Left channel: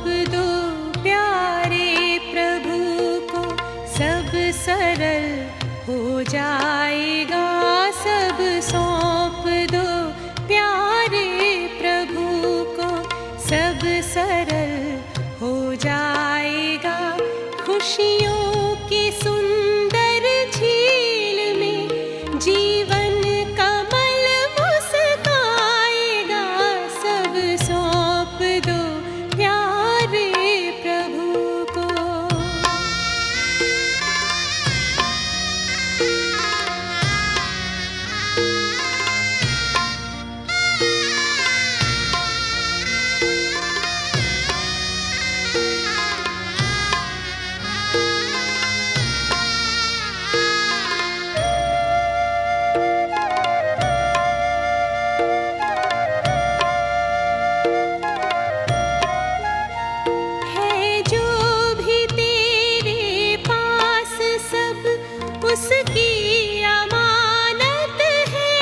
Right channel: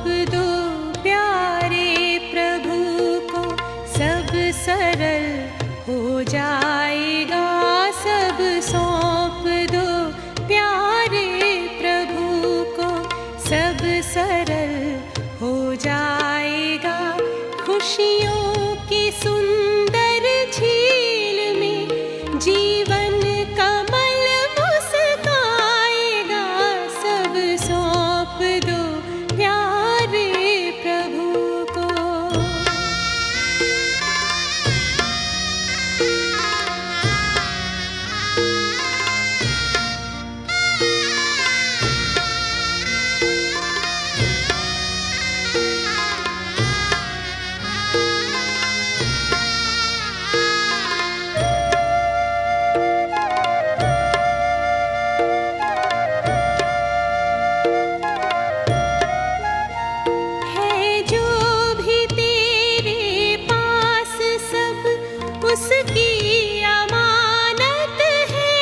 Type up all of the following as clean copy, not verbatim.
सौंप दो प्यारे प्रभु को, सब सरल हो जाएगा। सब सौंप दो प्यारे प्रभु को, सब सरल हो जाएगा। खुशियों की सुंदर झील में जीवन कमल मुस्काएगा। सब सौंप दो प्यारे प्रभु को। उसकी अमानत है,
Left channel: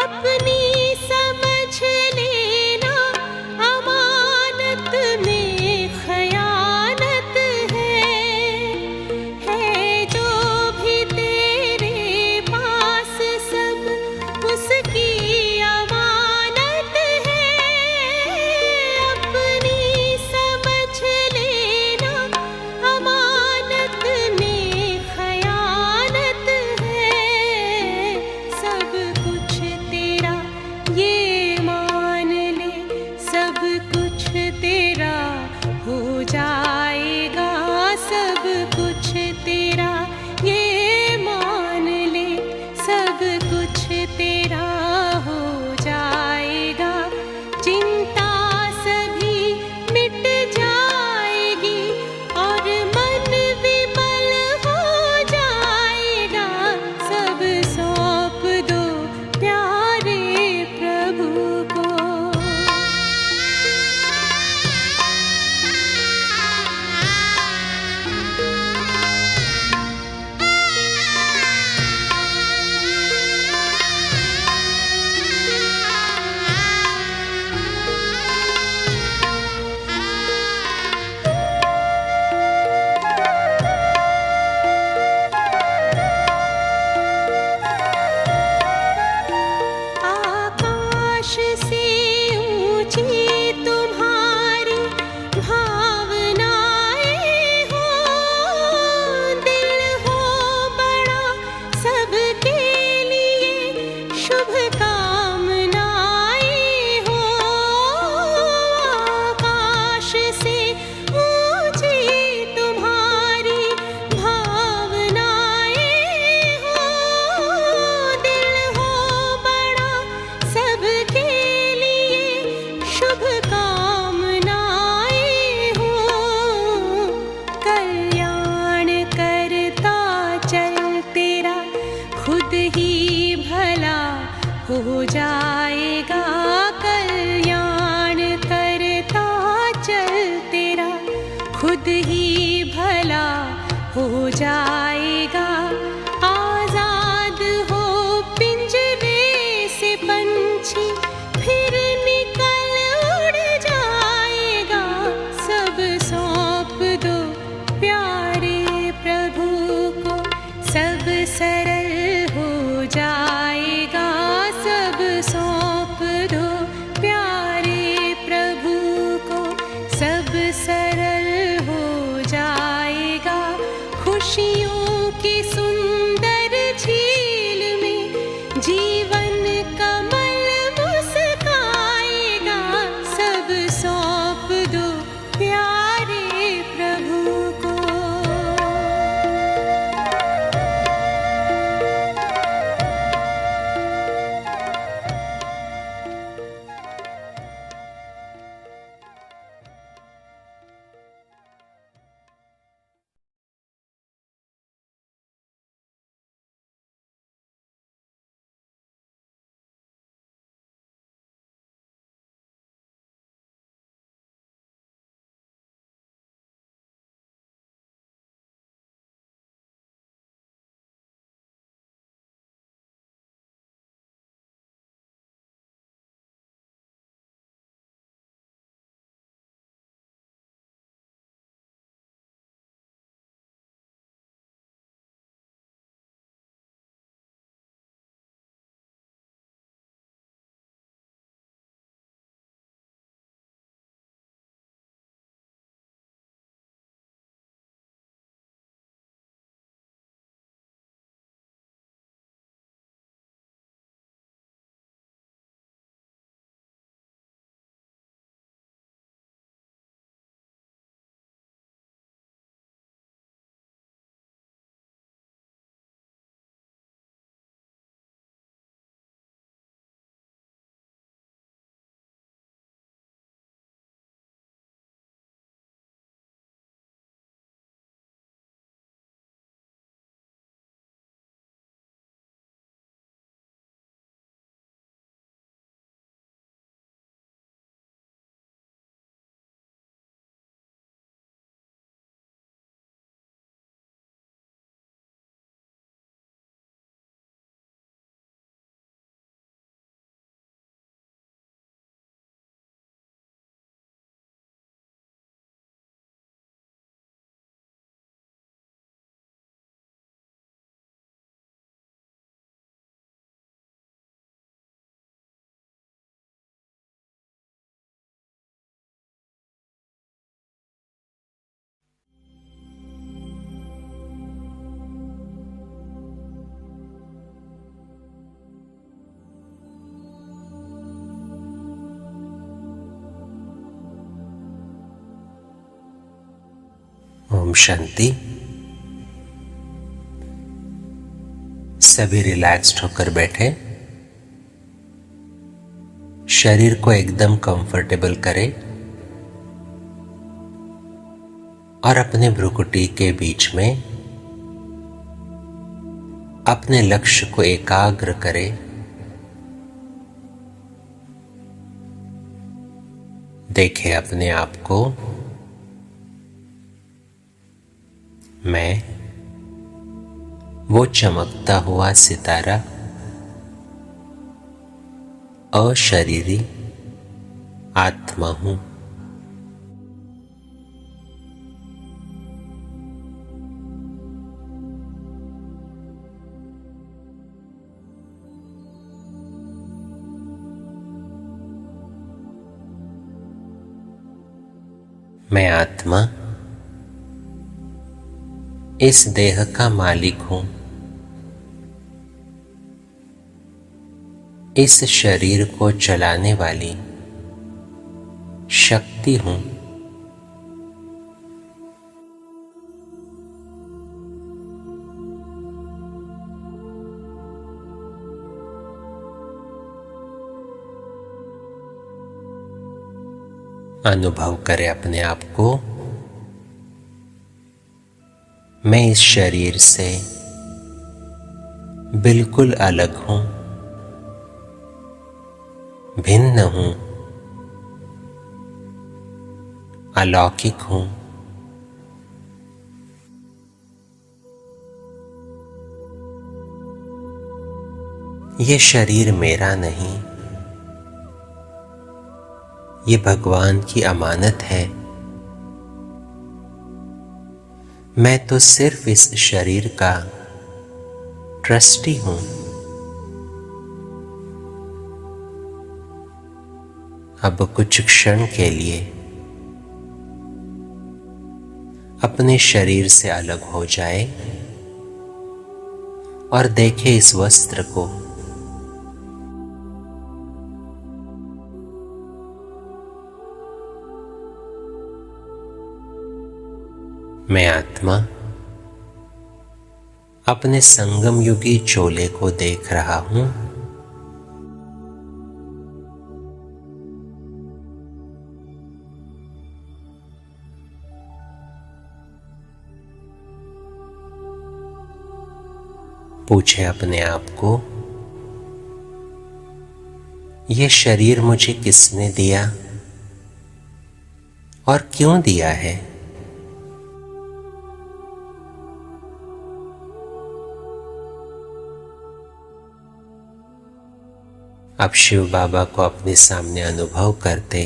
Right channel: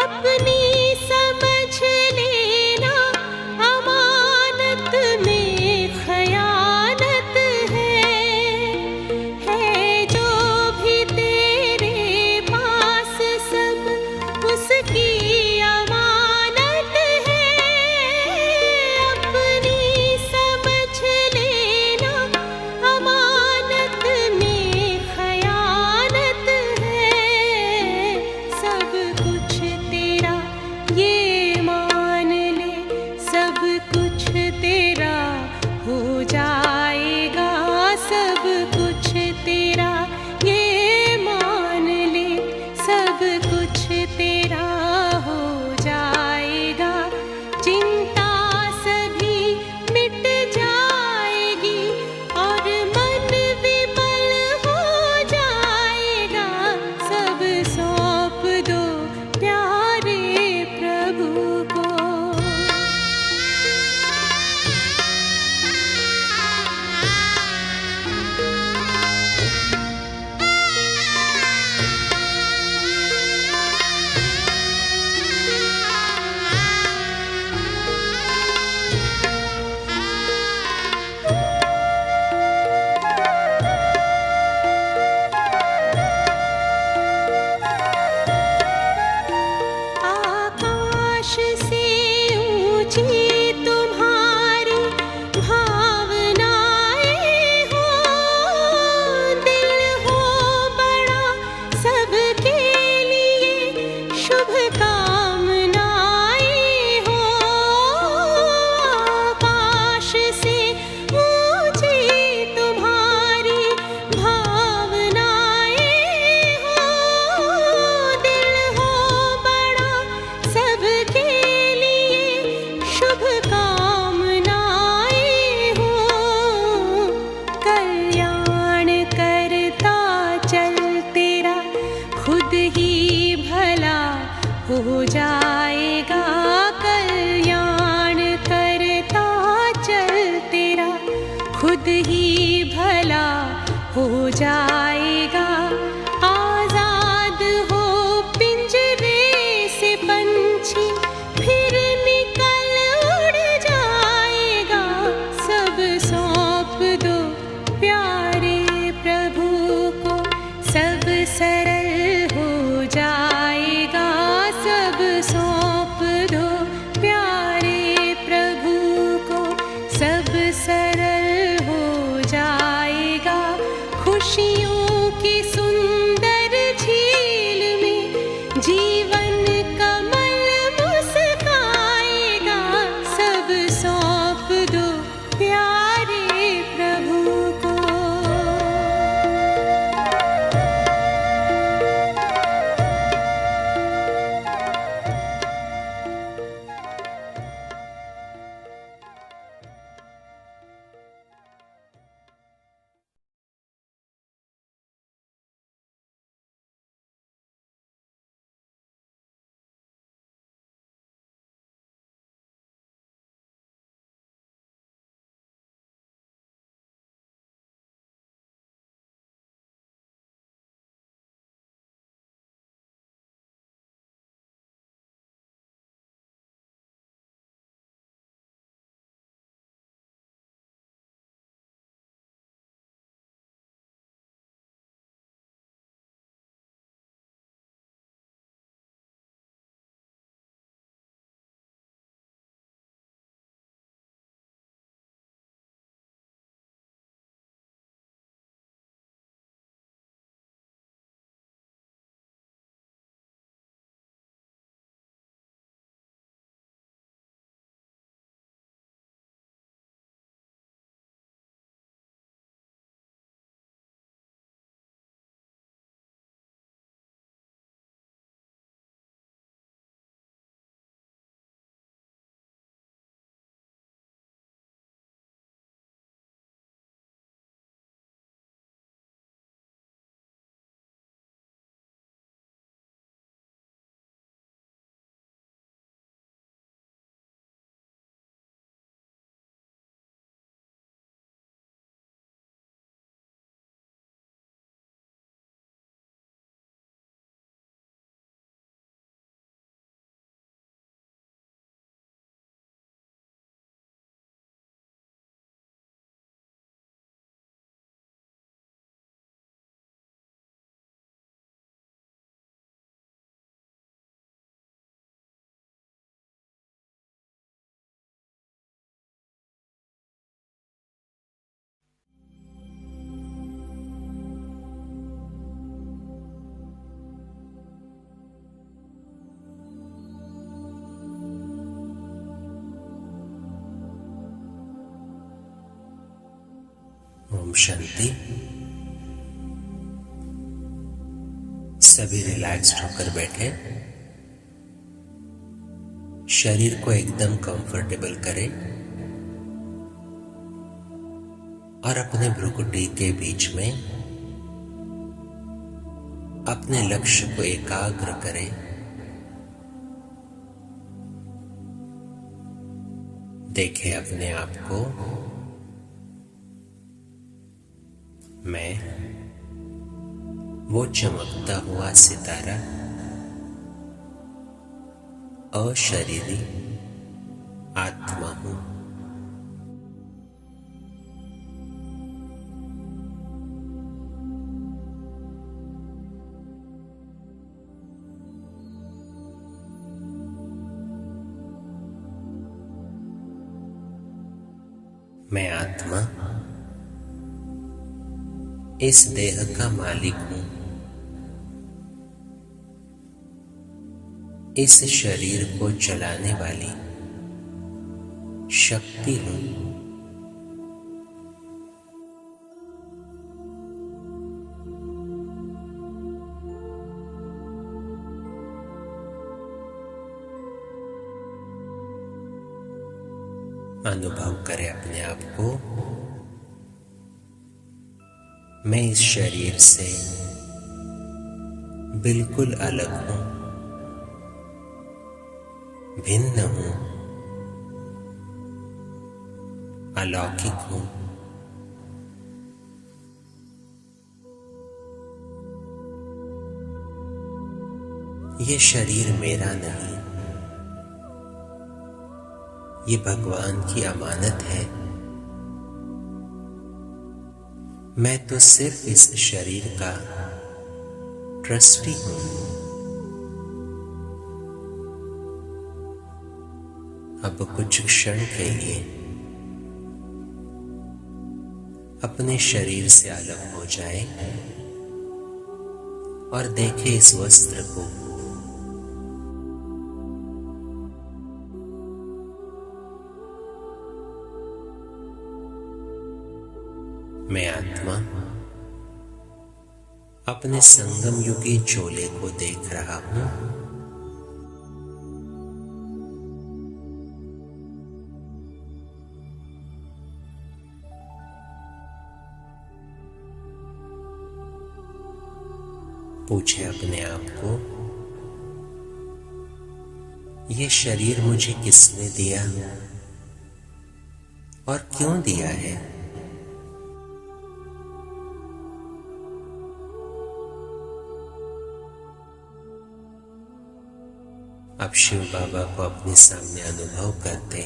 अपनी समझ लेना अमानत में खयानत है जो भी तेरे पास सब उसकी अमानत है, अपनी समझ लेना अमानत में तेरा हो जाएगा। सब कुछ तेरा ये मान ले, सब कुछ तेरा हो जाएगा। चिंता सभी मिट जाएगी और मन विमल हो जाएगा। सब सौंप दो प्यारे प्रभु को। से ऊंची तुम्हारी भावनाएं हो, दिल हो बड़ा सबके लिए शुभ कामनाएं हो। आकाश से ऊंची तुम्हारी भावनाएं हो, दिल हो बड़ा सबके शुभ कामनाएं हो। कल्याण करता चल तेरा खुद ही भला हो जाएगा। कल्याण करता चल तेरा खुद ही भला हो जाएगा। आजाद हो पिंजरे से पंछी फिर निकल उड़ जाएगा। सब सौंप दो प्यारे प्रभु को, सब सरल हो जाएगा। सब सौंप दो प्यारे प्रभु को, सब सरल हो जाएगा। खुशियों की सुंदर झील में जीवन कमल मुस्काएगा। सब सौंप दो प्यारे प्रभु को। ओम शांति। सभी रिलैक्स्ड होकर बैठे। शरीर को एकदम कंफर्टेबल करें और अपने भ्रुकुटी के बीच में अपने लक्ष्य को एकाग्र करें। देखें अपने आप को। मैं वो चमकता हुआ सितारा, अशरीरी आत्मा हूं। मैं आत्मा इस देह का मालिक हूं। इस शरीर को चलाने वाली शक्ति हूं। अनुभव करें अपने आप को। मैं इस शरीर से बिल्कुल अलग हूं, भिन्न हूं, अलौकिक हूं। ये शरीर मेरा नहीं, ये भगवान की अमानत है। मैं तो सिर्फ इस शरीर का ट्रस्टी हूं। अब कुछ क्षण के लिए अपने शरीर से अलग हो जाए और देखें इस वस्त्र को। मैं आत्मा अपने संगम युगी चोले को देख रहा हूं। पूछे अपने आप को, यह शरीर मुझे किसने दिया और क्यों दिया है? अब शिव बाबा को अपने सामने अनुभव करते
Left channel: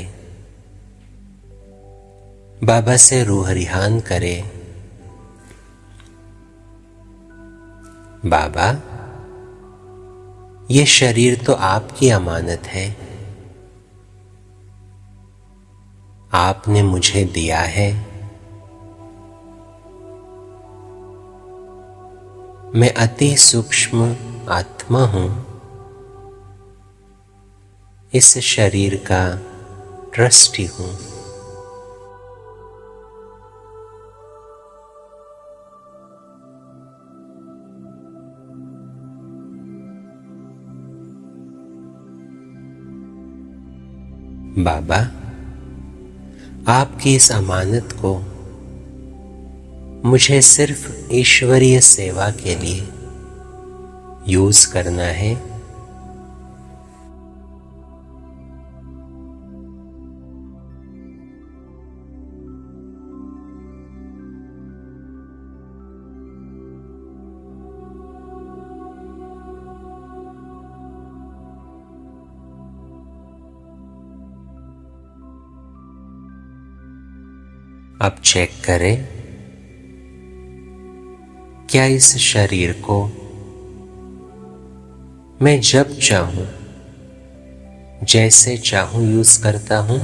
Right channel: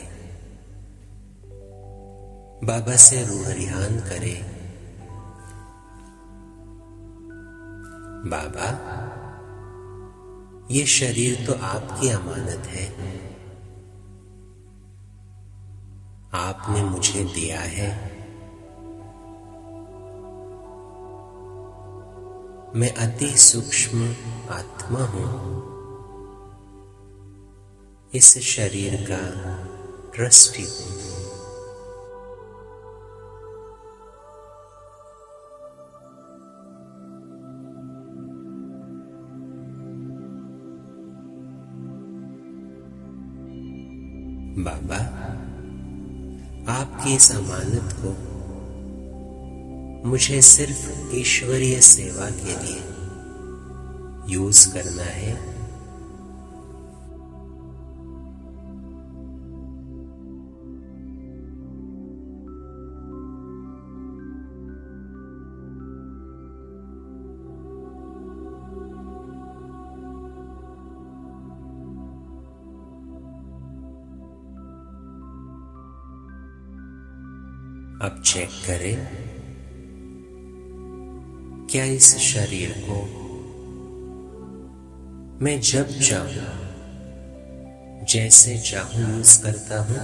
बाबा से रूह रिहान करे। बाबा, ये शरीर तो आपकी अमानत है, आपने मुझे दिया है। मैं अति सूक्ष्म आत्मा हूं, इस शरीर का ट्रस्टी हूं। बाबा, आपकी इस अमानत को मुझे सिर्फ ईश्वरीय सेवा के लिए यूज करना है। अब चेक करें, क्या इस शरीर को मैं जब चाहूं, जैसे चाहूं यूज करता हूं?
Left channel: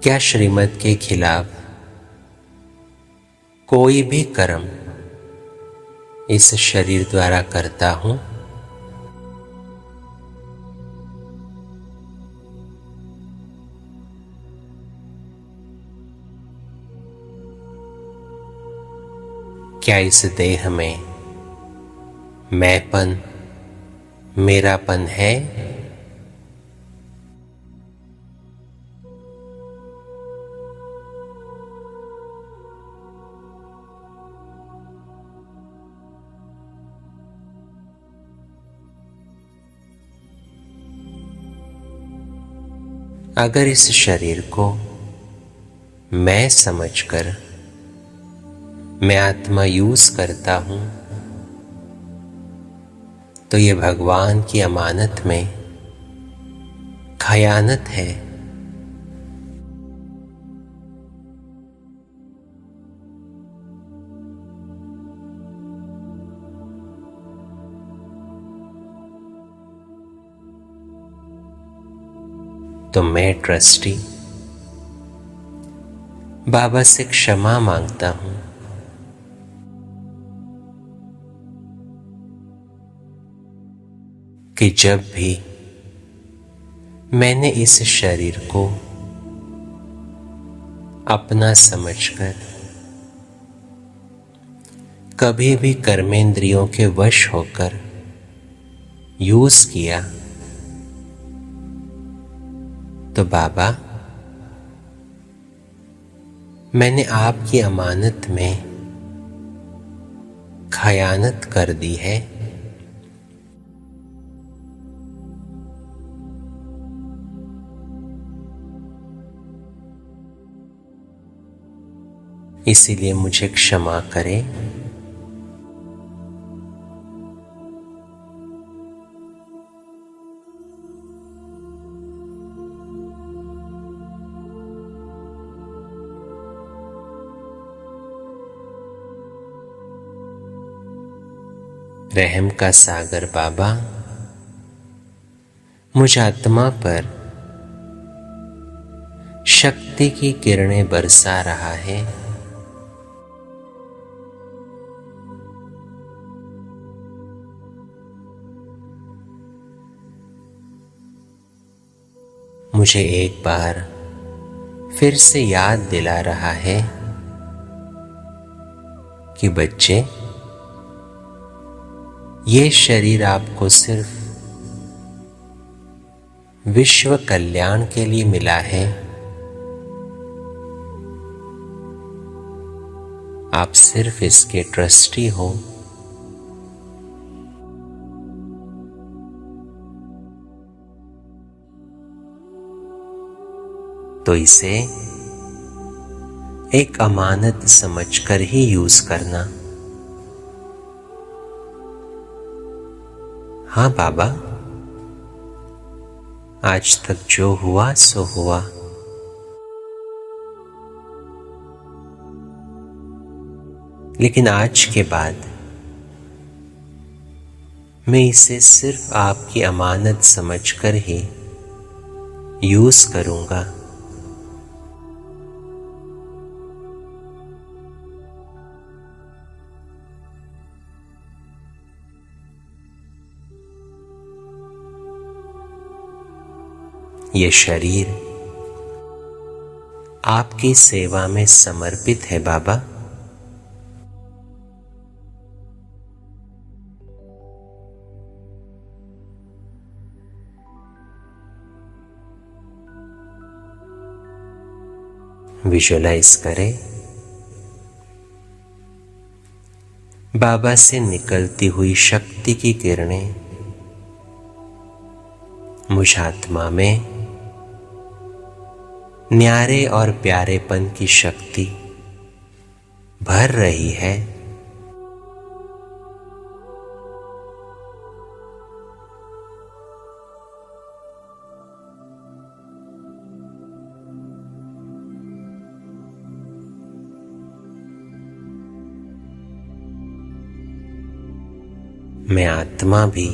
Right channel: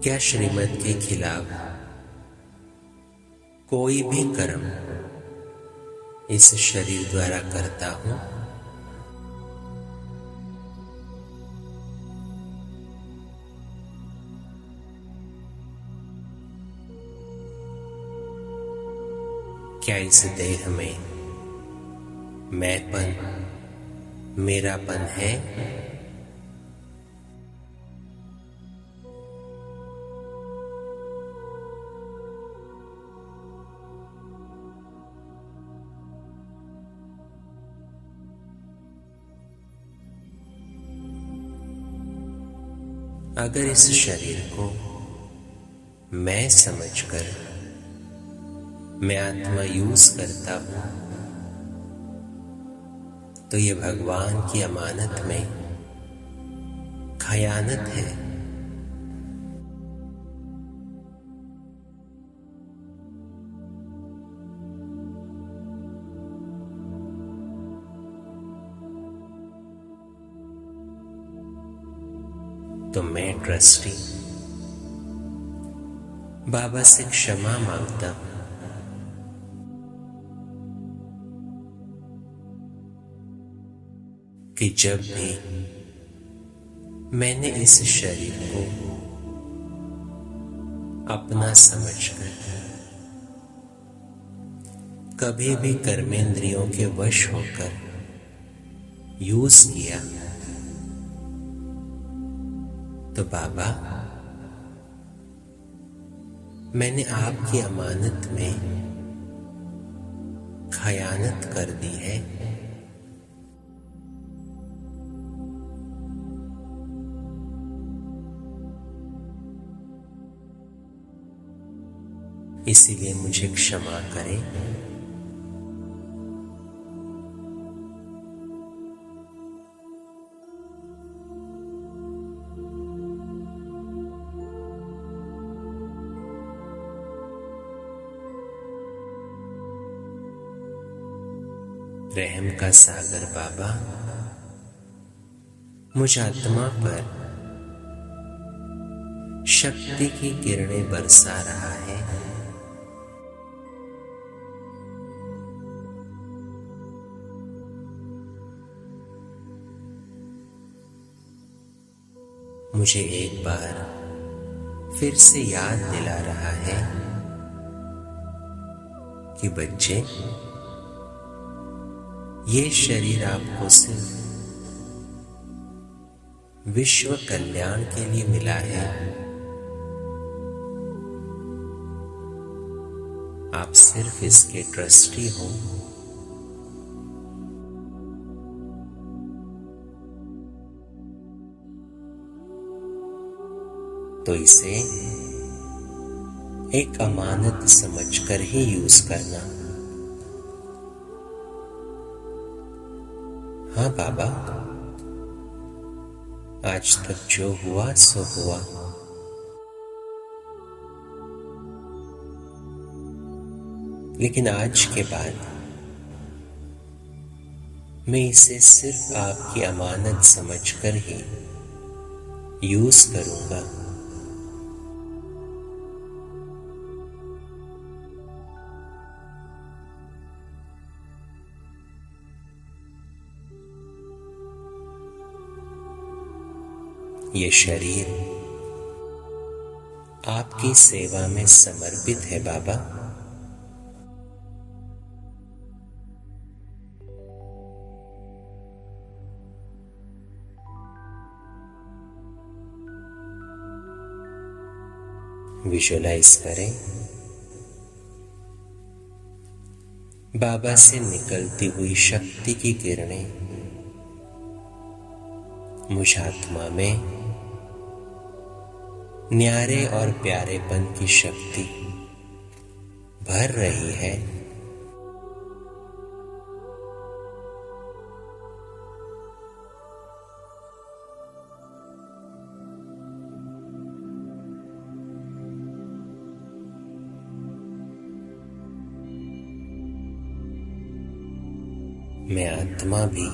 क्या श्रीमत के खिलाफ कोई भी कर्म इस शरीर द्वारा करता हूं? क्या इस देह में मैंपन, मेरापन है? अगर इस शरीर को मैं समझकर मैं आत्मा यूज करता हूं, तो ये भगवान की अमानत में खयानत है। तो मैं ट्रस्टी बाबा से क्षमा मांगता हूं कि जब भी मैंने इस शरीर को अपना समझकर कभी भी कर्मेंद्रियों के वश होकर यूज किया, तो बाबा मैंने आपकी अमानत में खयानत कर दी है। इसीलिए मुझे क्षमा करें। रहम का सागर बाबा मुझ आत्मा पर शक्ति की किरणें बरसा रहा है। मुझे एक बार फिर से याद दिला रहा है कि बच्चे, ये शरीर आपको सिर्फ विश्व कल्याण के लिए मिला है। आप सिर्फ इसके ट्रस्टी हो। तो इसे एक अमानत समझकर ही यूज करना। हाँ बाबा, आज तक जो हुआ सो हुआ। लेकिन आज के बाद मैं इसे सिर्फ आपकी अमानत समझकर ही यूज करूंगा। ये शरीर आपकी सेवा में समर्पित है बाबा। विजुअलाइज करें बाबा से निकलती हुई शक्ति की किरणें मुझ आत्मा में न्यारे और प्यारेपन की शक्ति भर रही है। मैं आत्मा भी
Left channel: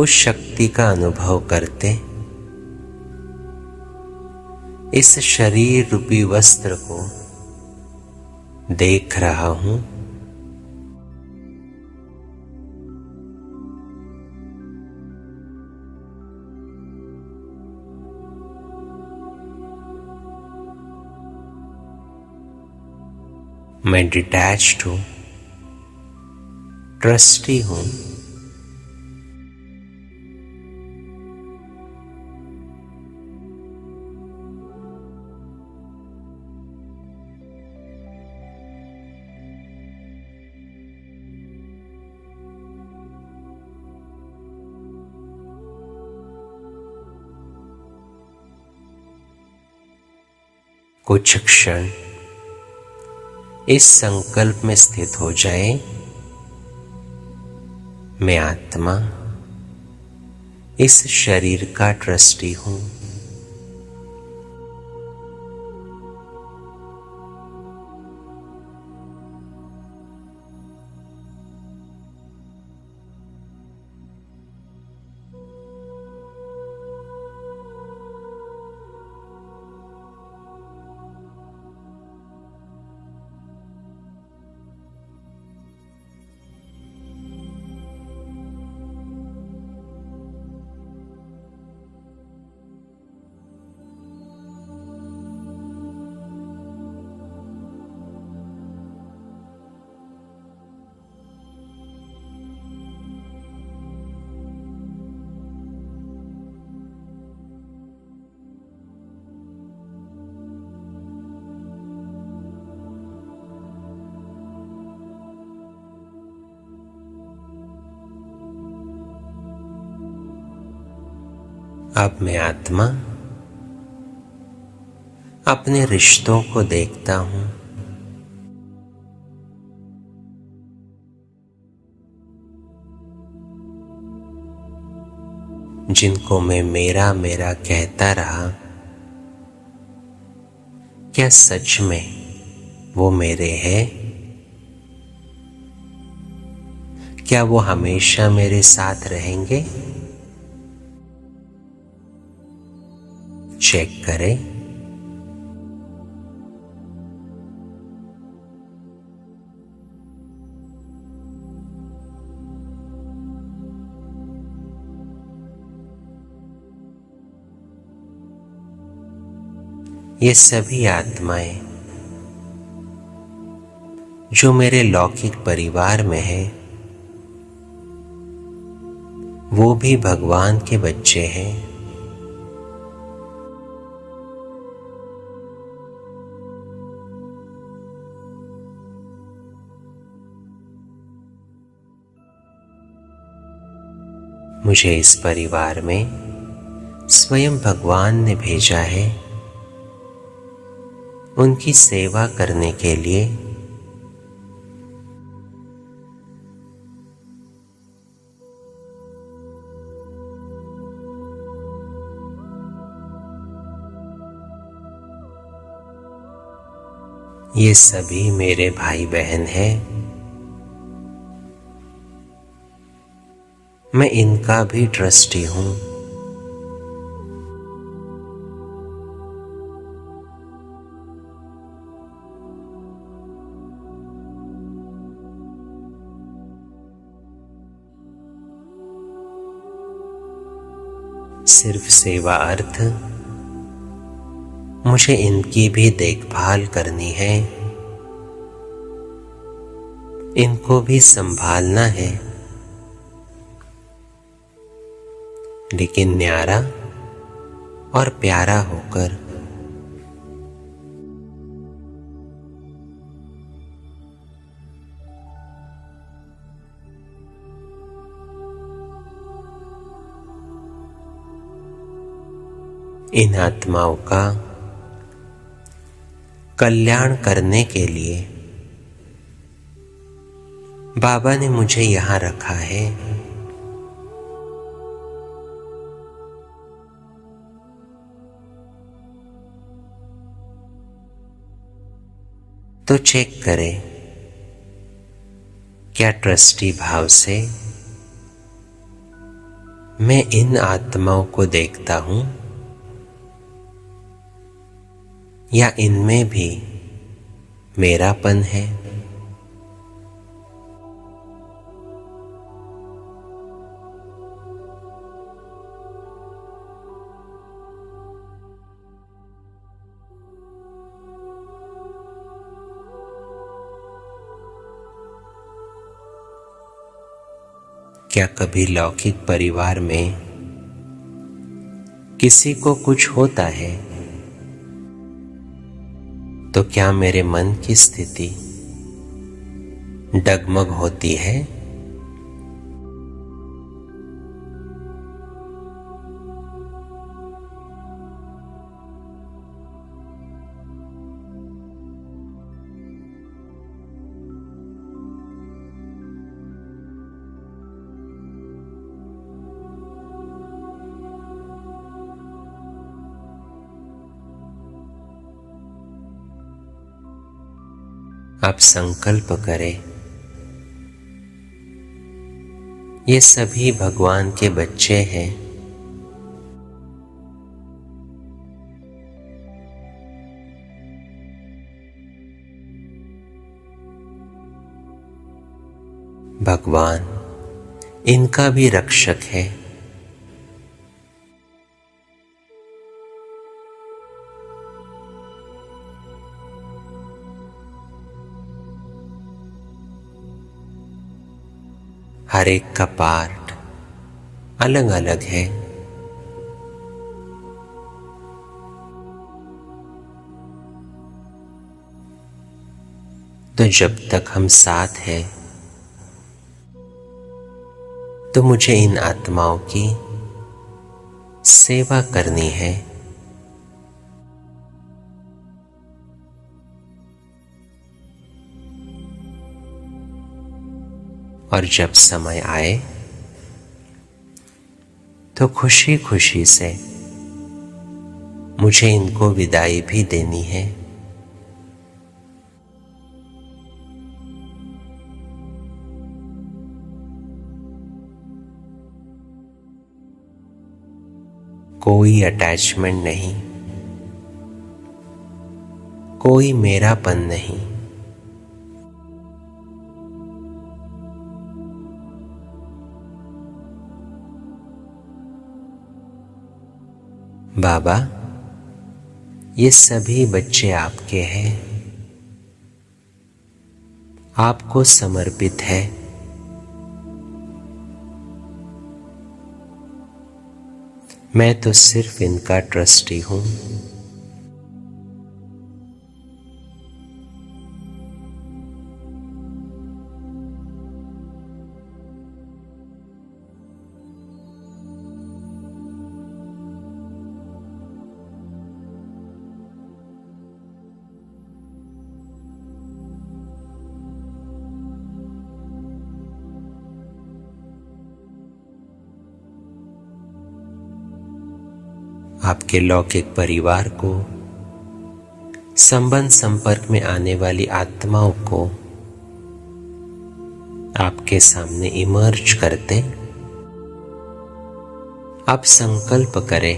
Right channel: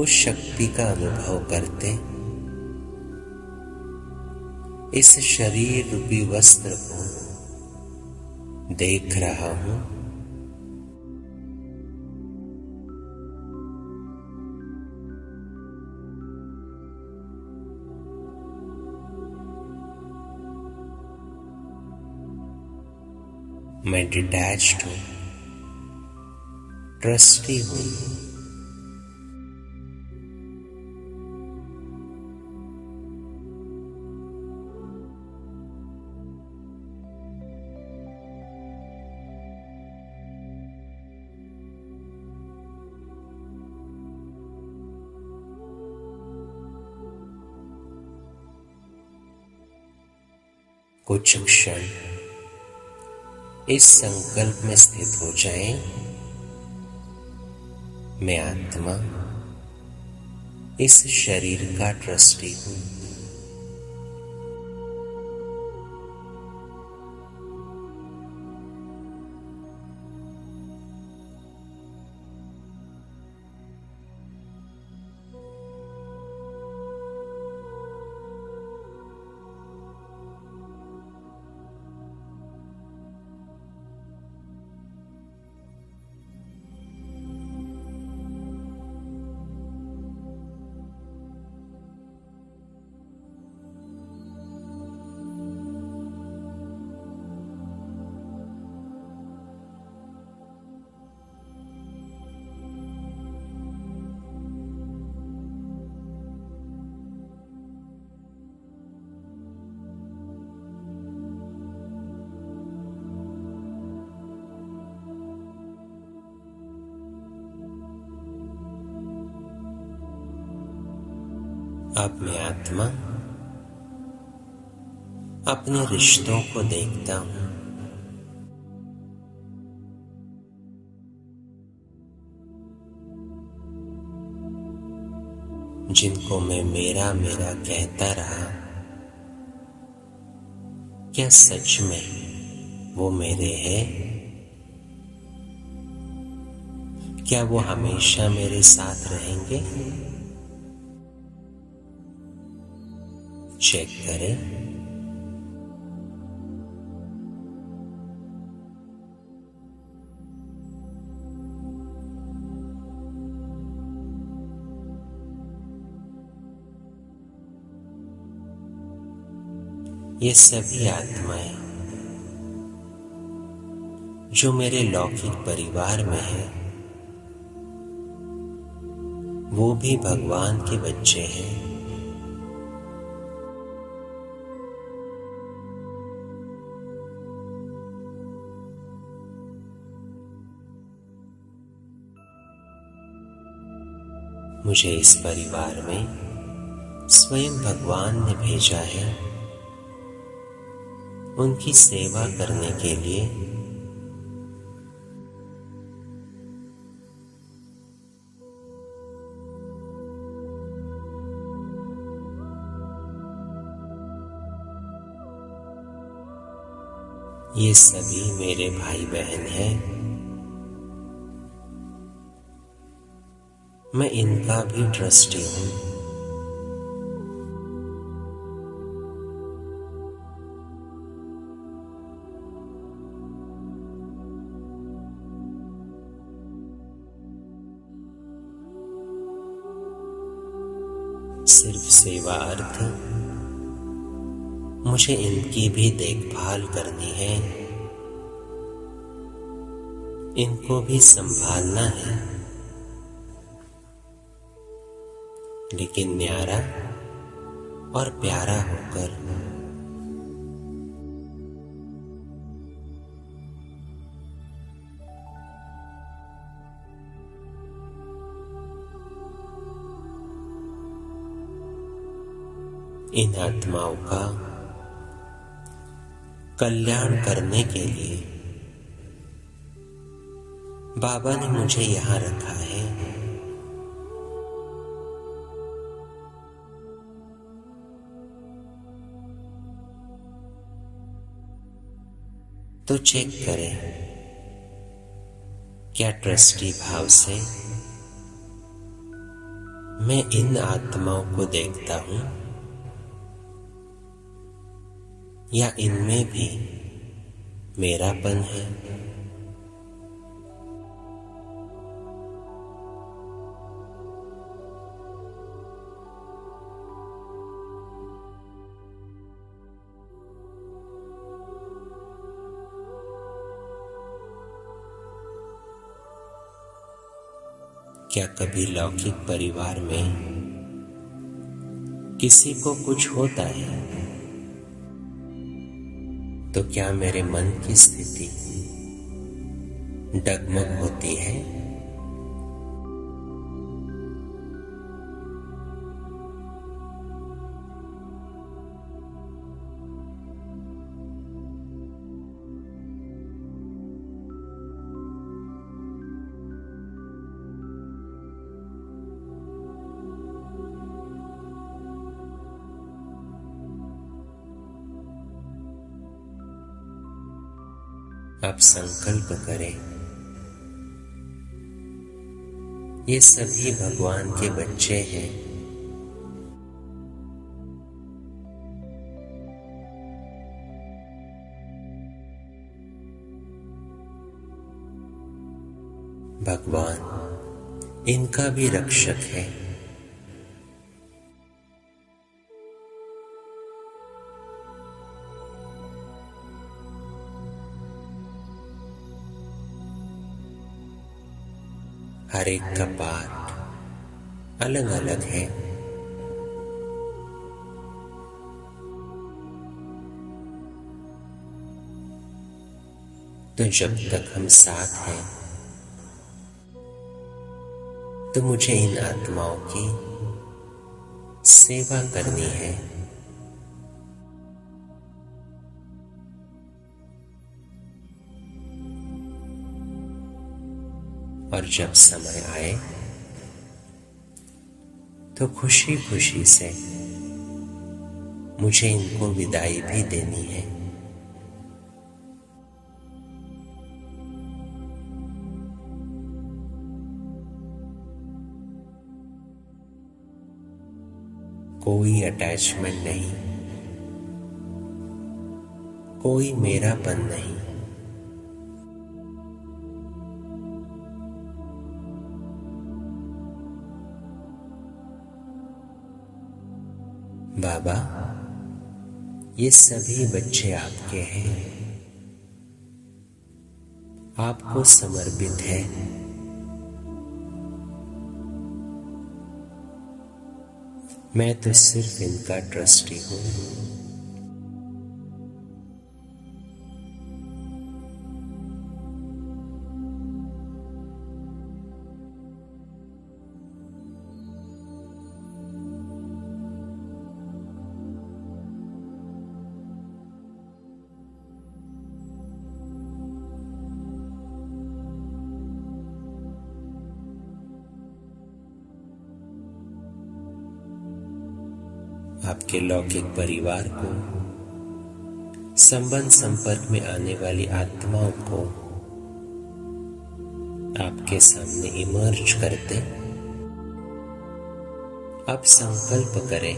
उस शक्ति का अनुभव करते इस शरीर रूपी वस्त्र को देख रहा हूं। मैं डिटैच्ड हूं, ट्रस्टी हूं। कुछ क्षण इस संकल्प में स्थित हो जाए, मैं आत्मा इस शरीर का ट्रस्टी हूं। अब मैं आत्मा अपने रिश्तों को देखता हूं। जिनको मैं मेरा मेरा कहता रहा, क्या सच में वो मेरे हैं? क्या वो हमेशा मेरे साथ रहेंगे? चेक करें। ये सभी आत्माएं जो मेरे लौकिक परिवार में हैं, वो भी भगवान के बच्चे हैं। मुझे इस परिवार में स्वयं भगवान ने भेजा है, उनकी सेवा करने के लिए। ये सभी मेरे भाई बहन हैं। मैं इनका भी ट्रस्टी हूं। सिर्फ सेवा अर्थ मुझे इनकी भी देखभाल करनी है, इनको भी संभालना है, लेकिन न्यारा और प्यारा होकर। इन आत्माओं का कल्याण करने के लिए बाबा ने मुझे यहां रखा है। तो चेक करें, क्या ट्रस्टी भाव से मैं इन आत्माओं को देखता हूं, या इनमें भी मेरापन है? क्या कभी लौकिक परिवार में किसी को कुछ होता है तो क्या मेरे मन की स्थिति डगमग होती है? आप संकल्प करें, ये सभी भगवान के बच्चे हैं। भगवान इनका भी रक्षक है। हर एक का पार्ट अलग अलग है। तो जब तक हम साथ हैं तो मुझे इन आत्माओं की सेवा करनी है। और जब समय आए तो खुशी खुशी से मुझे इनको विदाई भी देनी है। कोई अटैचमेंट नहीं, कोई मेरापन नहीं। बाबा, ये सभी बच्चे आपके हैं, आपको समर्पित है। मैं तो सिर्फ इनका ट्रस्टी हूं। आपके लौकिक परिवार को, संबंध संपर्क में आने वाली आत्माओं को आपके सामने इमर्ज करते आप संकल्प करें,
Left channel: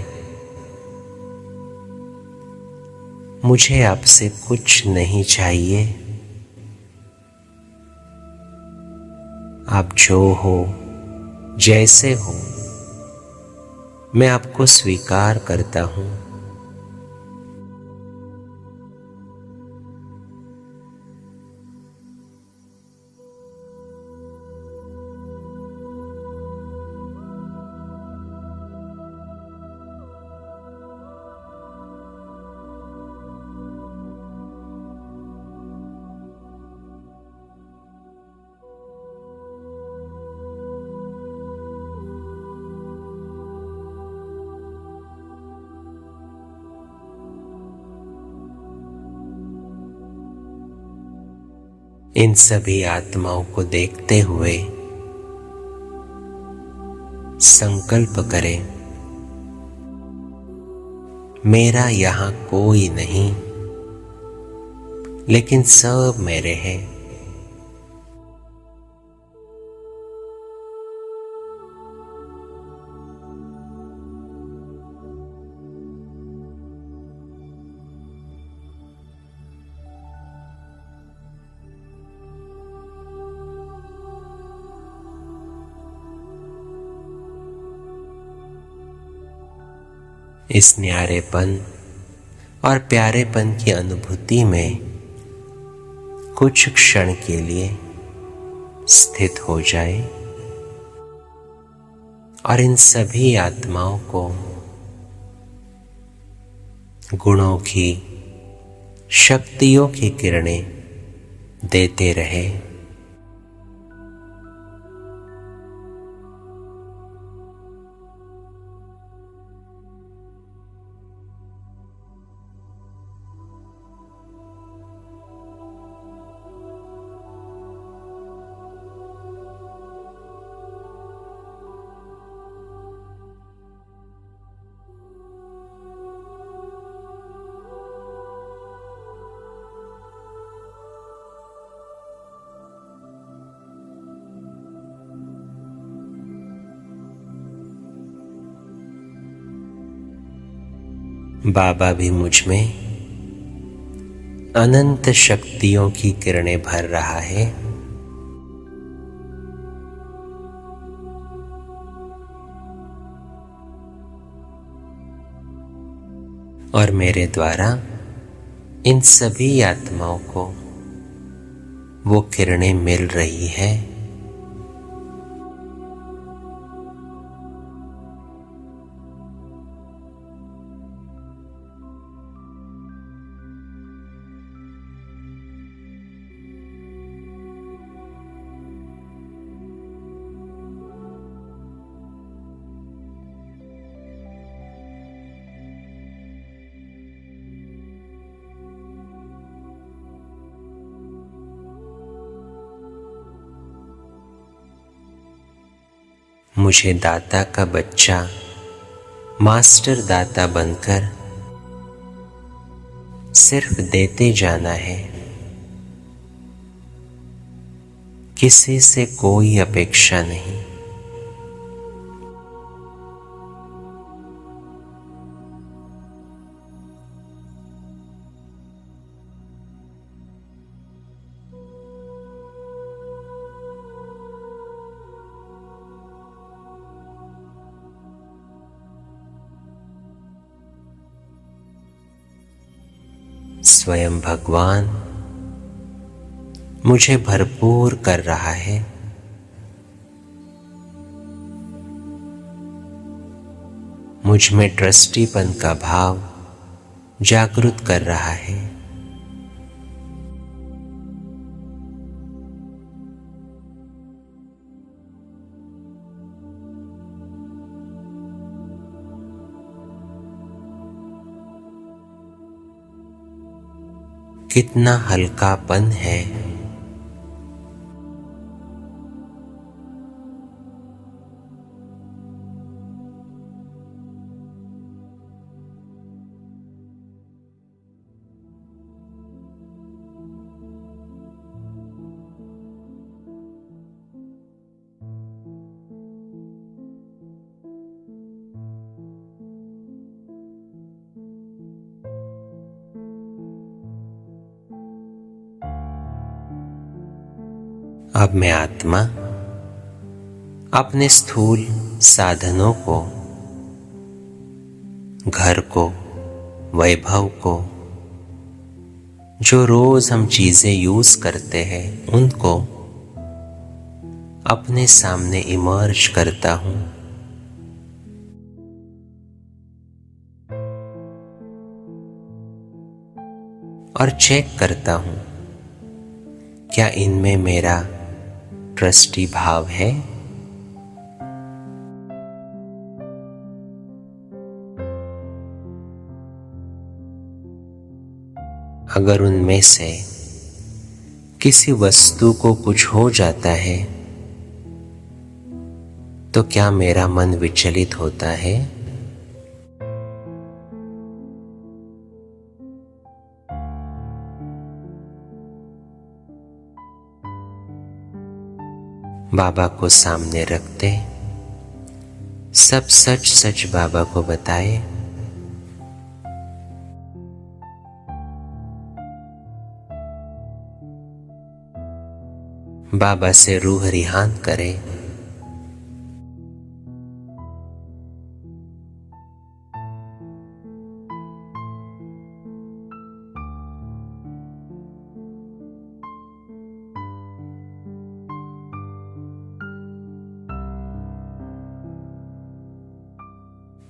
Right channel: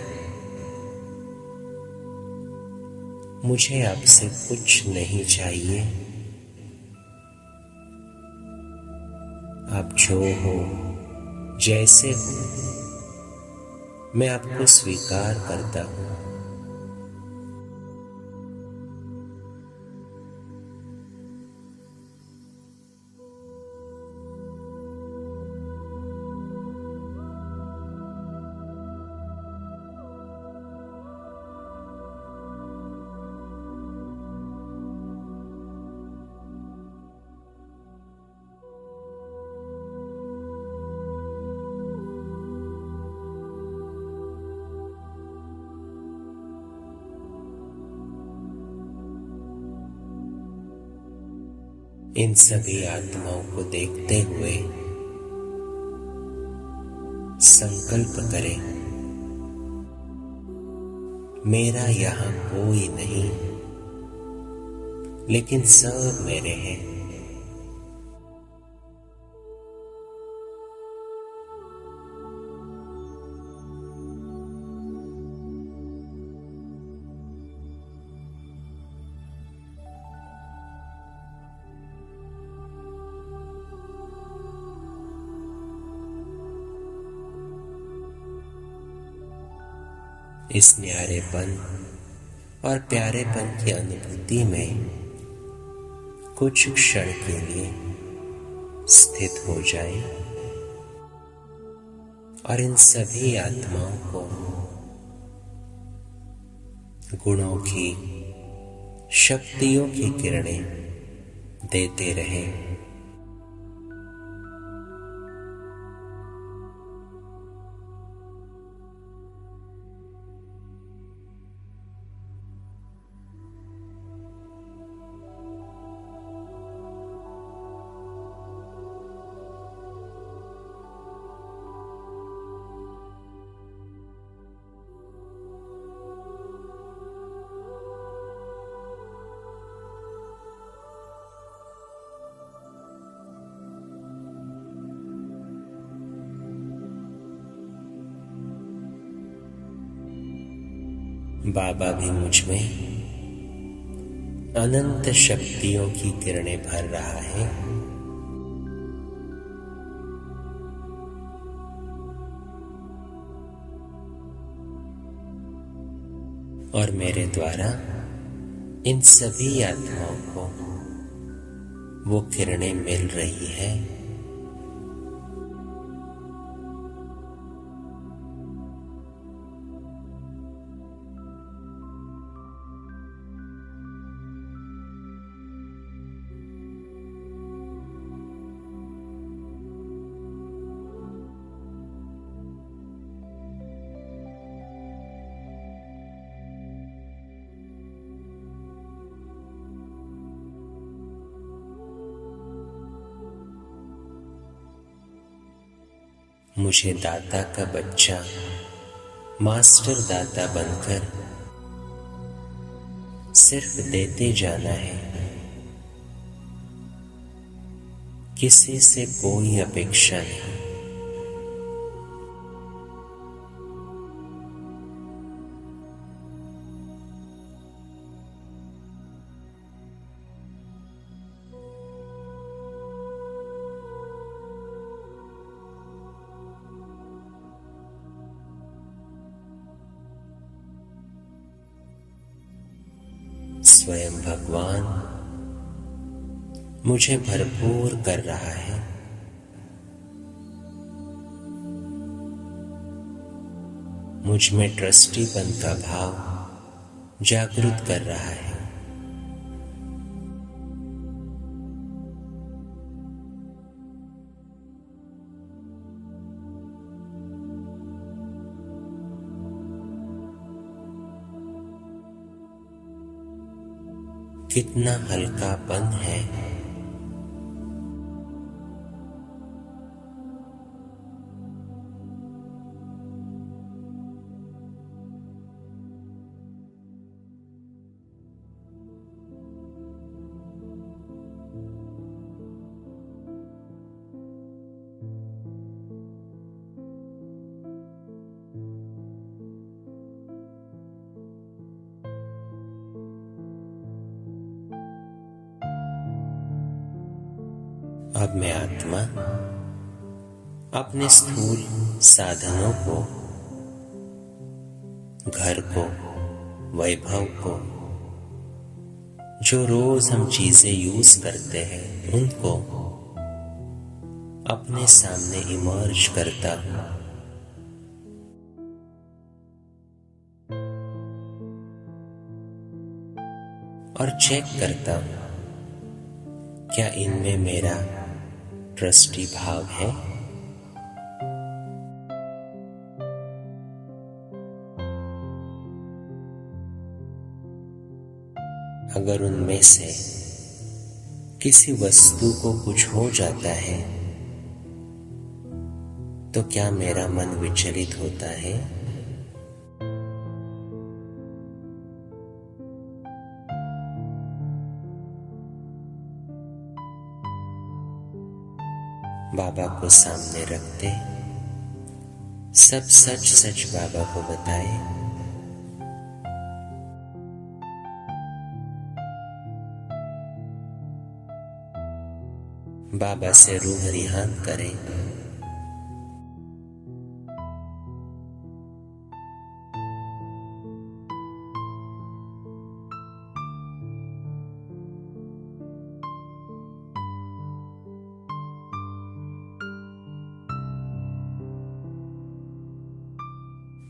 मुझे आपसे कुछ नहीं चाहिए। आप जो हो, जैसे हो, मैं आपको स्वीकार करता हूं। इन सभी आत्माओं को देखते हुए संकल्प करें, मेरा यहां कोई नहीं, लेकिन सब मेरे हैं। इस न्यारेपन और प्यारेपन की अनुभूति में कुछ क्षण के लिए स्थित हो जाए। और इन सभी आत्माओं को गुणों की, शक्तियों की किरणें देते रहे। बाबा भी मुझ में अनंत शक्तियों की किरणें भर रहा है। और मेरे द्वारा इन सभी आत्माओं को वो किरणें मिल रही है। मुझे दाता का बच्चा, मास्टर दाता बनकर सिर्फ देते जाना है। किसी से कोई अपेक्षा नहीं। स्वयं भगवान मुझे भरपूर कर रहा है। मुझ में ट्रस्टीपन का भाव जागृत कर रहा है। कितना हल्कापन है। अब मैं आत्मा अपने स्थूल साधनों को, घर को, वैभव को, जो रोज हम चीजें यूज करते हैं, उनको अपने सामने इमर्ज करता हूं। और चेक करता हूं, क्या इनमें मेरा ट्रस्टी भाव है? अगर उनमें से किसी वस्तु को कुछ हो जाता है तो क्या मेरा मन विचलित होता है? बाबा को सामने रखते सब सच सच बाबा को बताए। बाबा से रूह रिहान करे।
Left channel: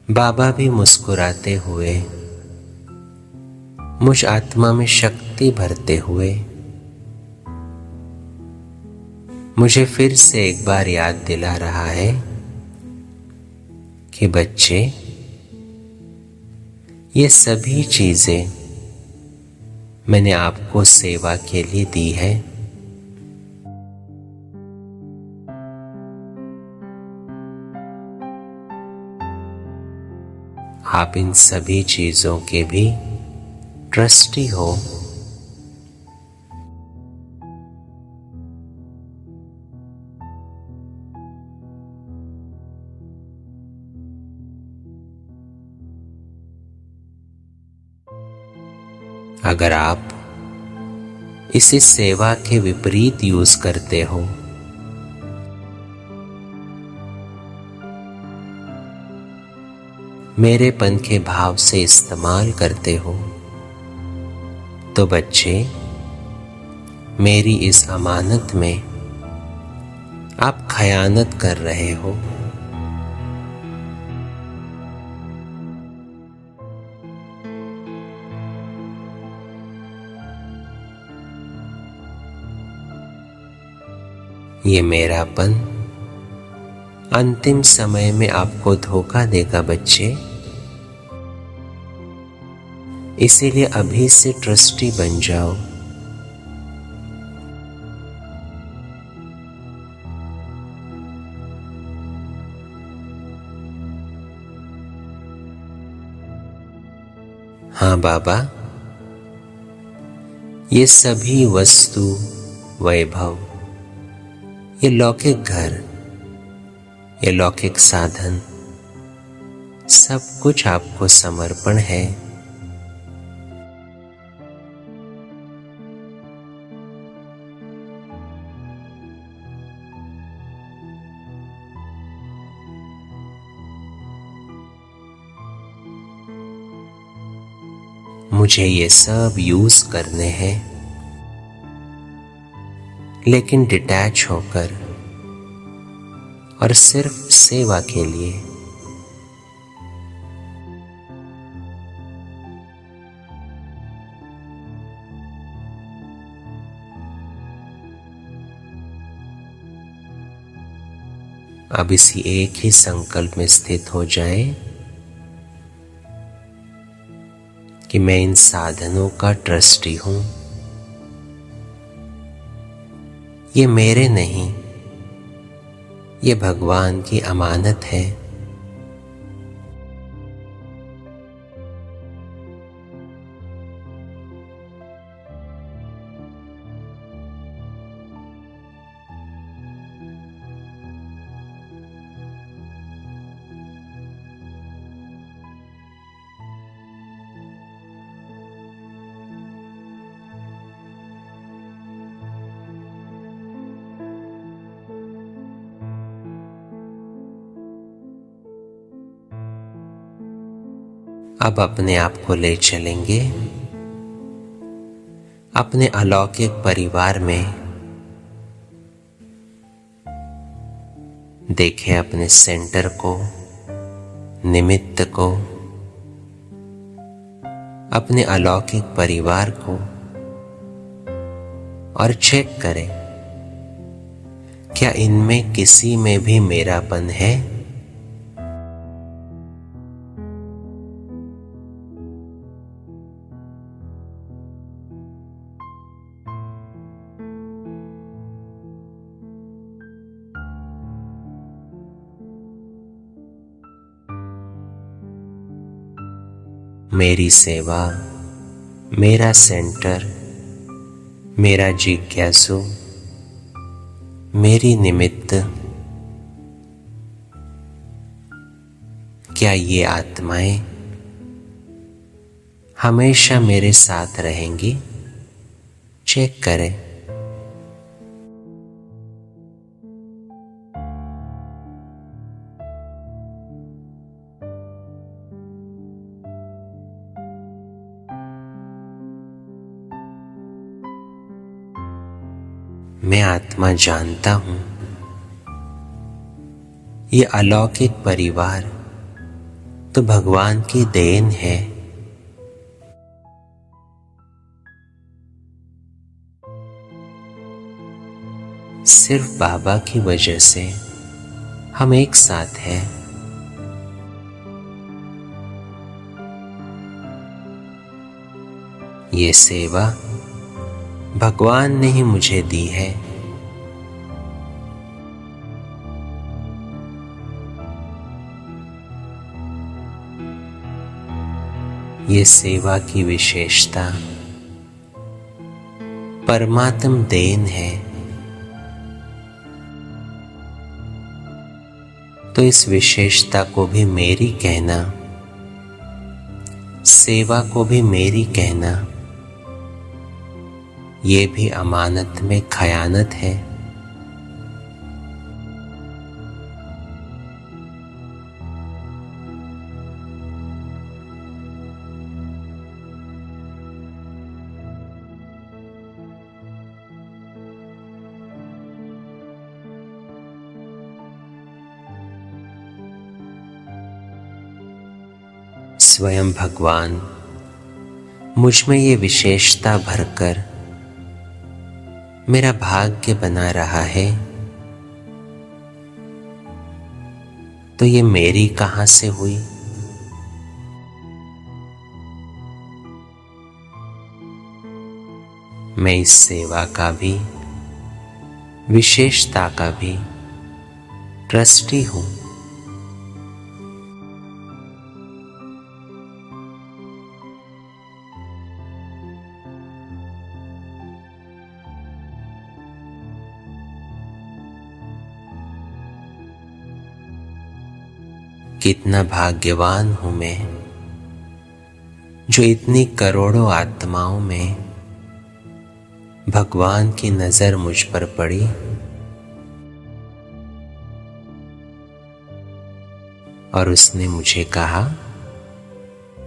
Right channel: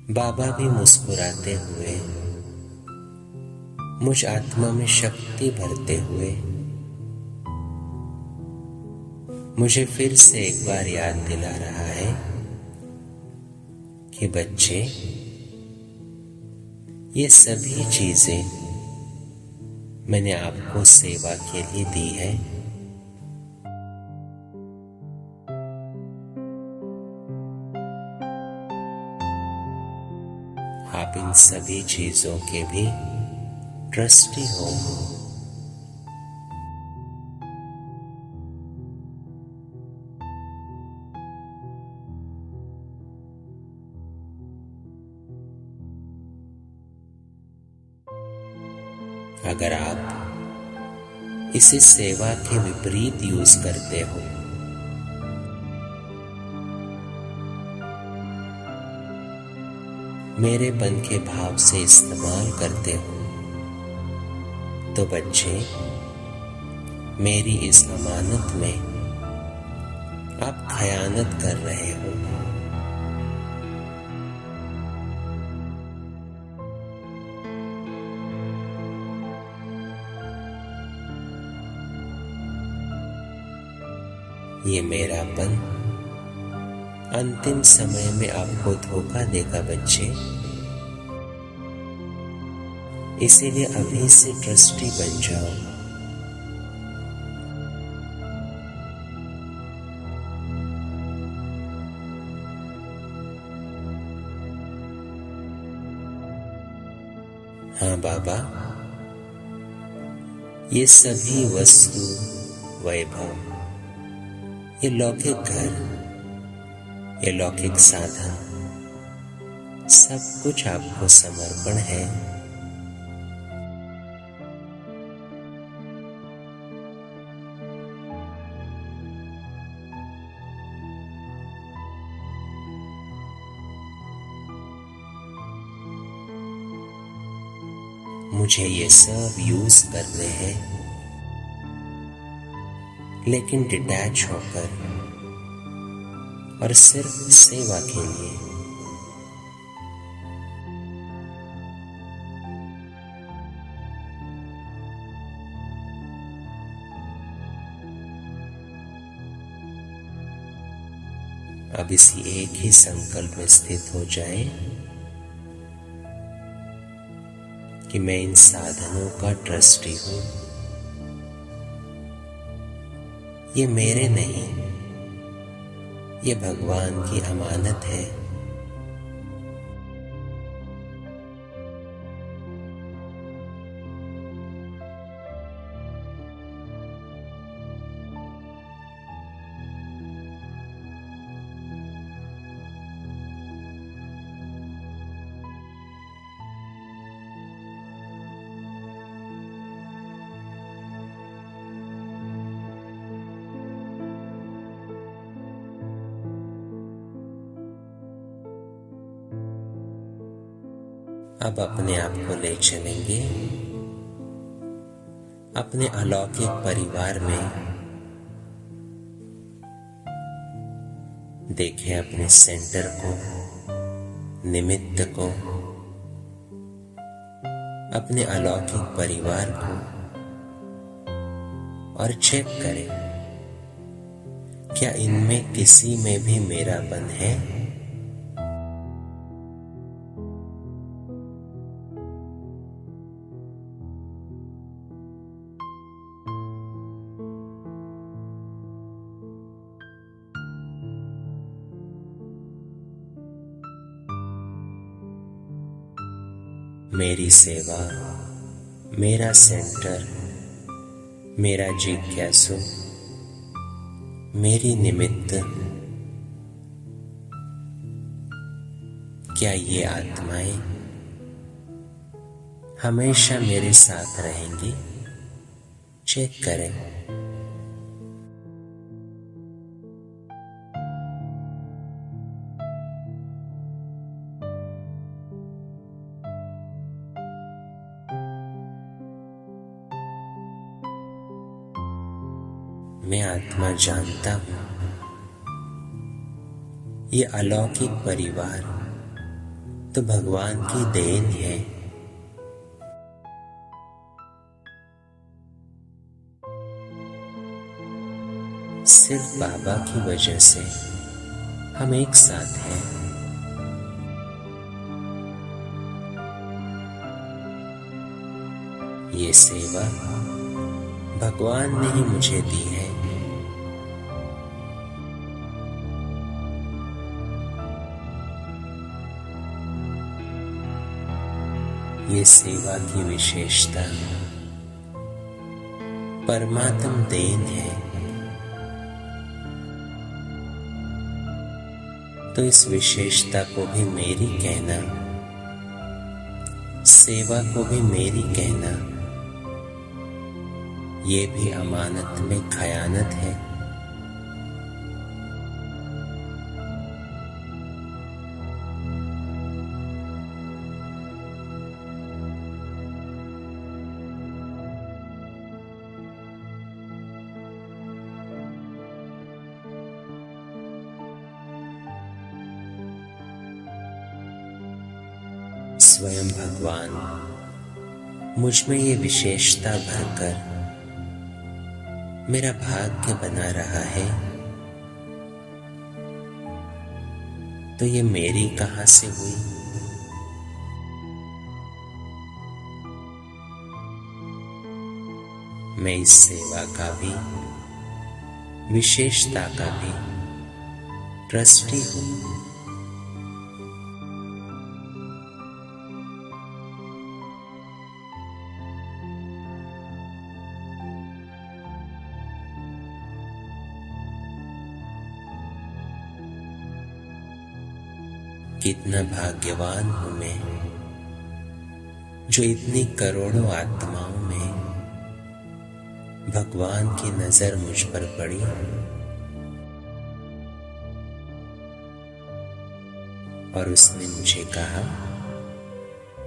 बाबा भी मुस्कुराते हुए मुझ आत्मा में शक्ति भरते हुए मुझे फिर से एक बार याद दिला रहा है कि बच्चे, ये सभी चीजें मैंने आपको सेवा के लिए दी है। आप इन सभी चीजों के भी ट्रस्टी हो। अगर आप इसे सेवा के विपरीत यूज करते हो, मेरेपन के भाव से इस्तेमाल करते हो, तो बच्चे, मेरी इस अमानत में आप खयानत कर रहे हो। ये मेरापन अंतिम समय में आपको धोखा देगा बच्चे, इसीलिए अभी से ट्रस्टी बन जाओ। हाँ बाबा, ये सभी वस्तु, वैभव, ये लौकिक घर, ये लौकिक साधन, सब कुछ आपको समर्पण है। मुझे ये सब यूज करने हैं, लेकिन डिटैच होकर और सिर्फ सेवा के लिए। अब इसी एक ही संकल्प में स्थित हो जाएं कि मैं इन साधनों का ट्रस्टी हूं। ये मेरे नहीं, ये भगवान की अमानत है। अब अपने आप को ले चलेंगे अपने अलौकिक परिवार में। देखें अपने सेंटर को, निमित्त को, अपने अलौकिक परिवार को, और चेक करें क्या इनमें किसी में भी मेरापन है। मेरी सेवा, मेरा सेंटर, मेरा जिज्ञासु, मेरी निमित्त, क्या ये आत्माएं हमेशा मेरे साथ रहेंगी? चेक करें। मैं आत्मा जानता हूं ये अलौकिक परिवार तो भगवान की देन है। सिर्फ बाबा की वजह से हम एक साथ हैं। ये सेवा भगवान ने ही मुझे दी है। ये सेवा की विशेषता परमात्म देन है। तो इस विशेषता को भी मेरी कहना, सेवा को भी मेरी कहना, ये भी अमानत में खयानत है। स्वयं भगवान मुझ में ये विशेषता भरकर मेरा भाग्य बना रहा है, तो ये मेरी कहां से हुई? मैं इस सेवा का भी, विशेषता का भी ट्रस्टी हूं। कितना भाग्यवान हूं मैं जो इतनी करोड़ों आत्माओं में भगवान की नजर मुझ पर पड़ी और उसने मुझे कहा,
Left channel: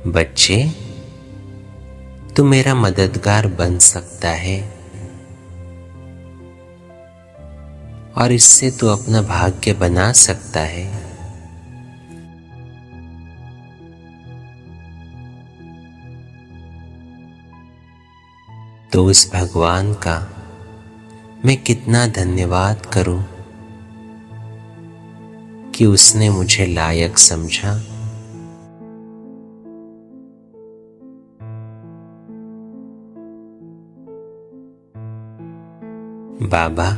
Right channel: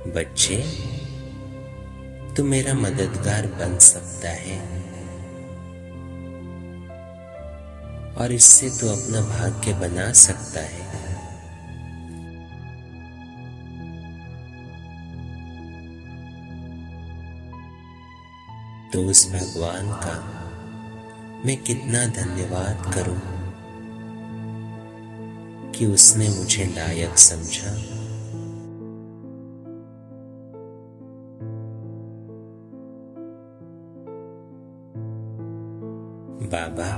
बच्चे तू मेरा मददगार बन सकता है और इससे तू अपना भाग्य बना सकता है। तो उस भगवान का मैं कितना धन्यवाद करूं कि उसने मुझे लायक समझा। बाबा,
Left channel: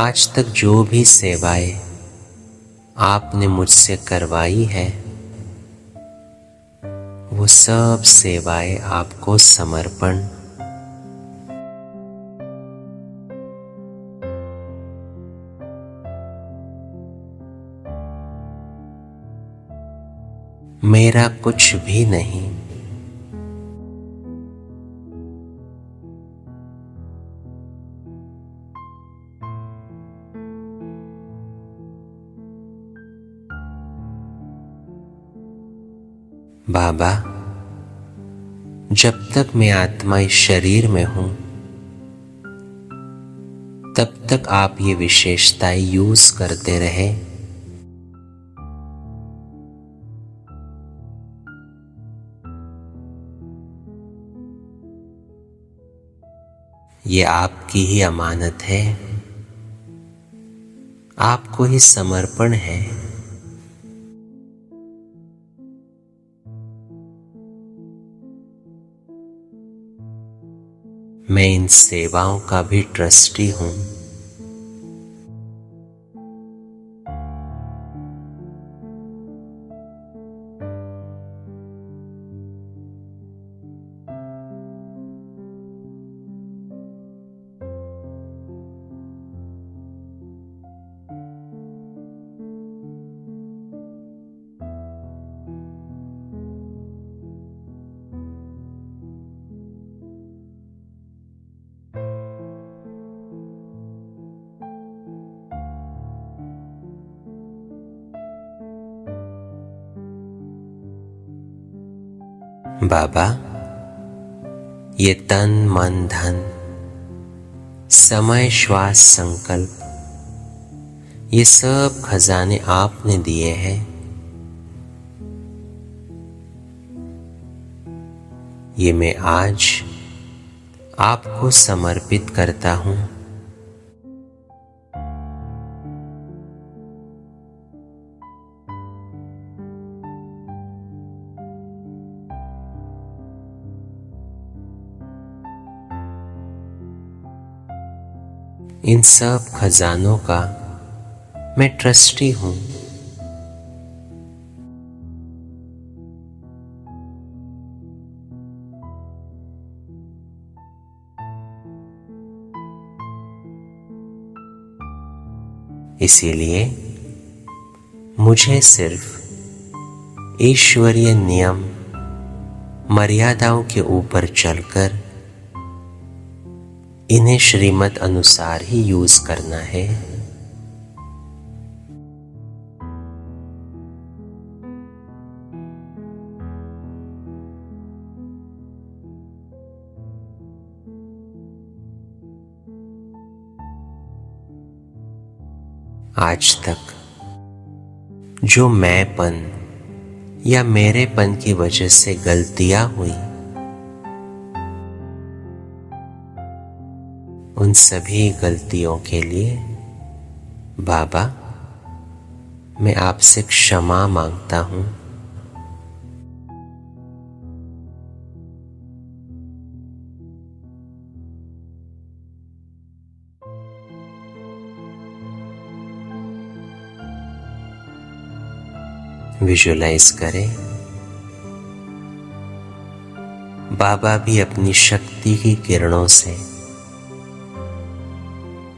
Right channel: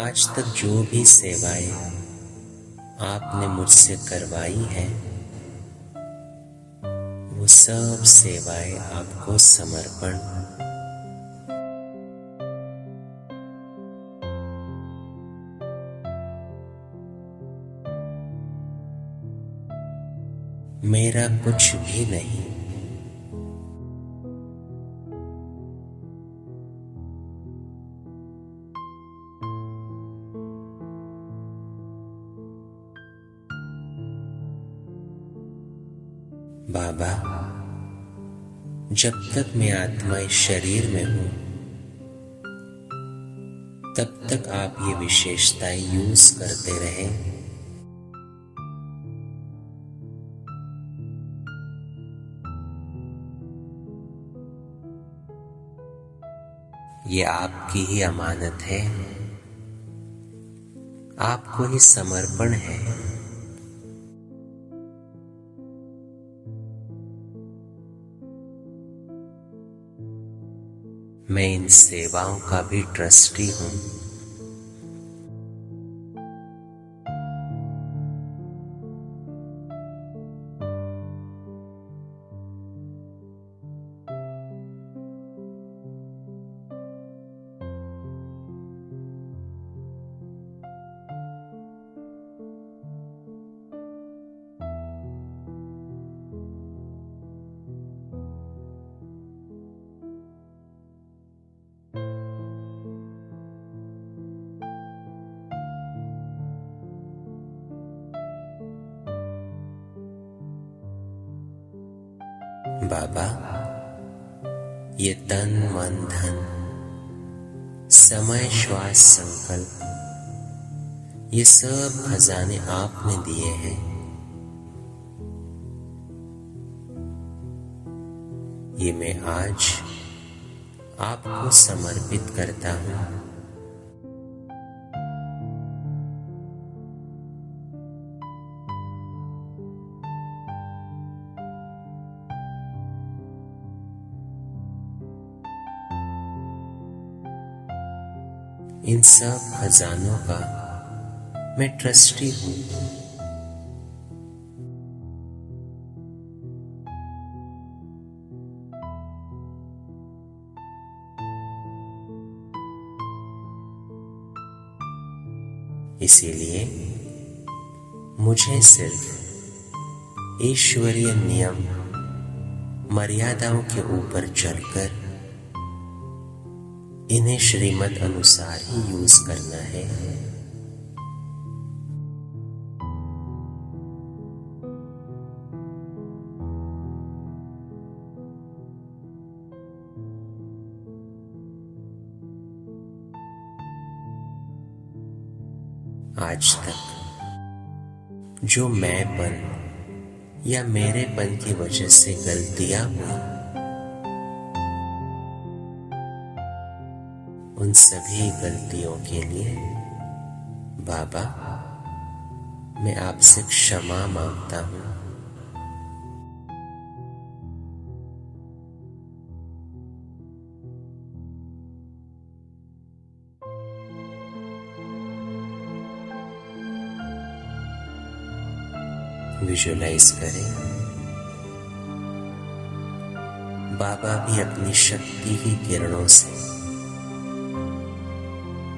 आज तक जो भी सेवाएं आपने मुझसे करवाई है, वो सब सेवाएं आपको समर्पण। मेरा कुछ भी नहीं। बाबा, जब तक मैं आत्मा इस शरीर में हूं, तब तक आप ये विशेषताएं यूज करते रहे। ये आपकी ही अमानत है, आपको ही समर्पण है। मैं इन सेवाओं का भी ट्रस्टी हूं। बाबा, ये तन मन धन, समय श्वास संकल्प, ये सब खजाने आपने दिए हैं, ये मैं आज आपको समर्पित करता हूँ। इन सब खजानों का मैं ट्रस्टी हूँ। इसीलिए मुझे सिर्फ ईश्वरीय नियम मर्यादाओं के ऊपर चलकर इन्हें श्रीमत अनुसार ही यूज करना है। आज तक जो मैंपन या मेरेपन की वजह से गलतियां हुई, उन सभी गलतियों के लिए बाबा मैं आपसे क्षमा मांगता हूँ। विजुअलाइज करें बाबा भी अपनी शक्ति की किरणों से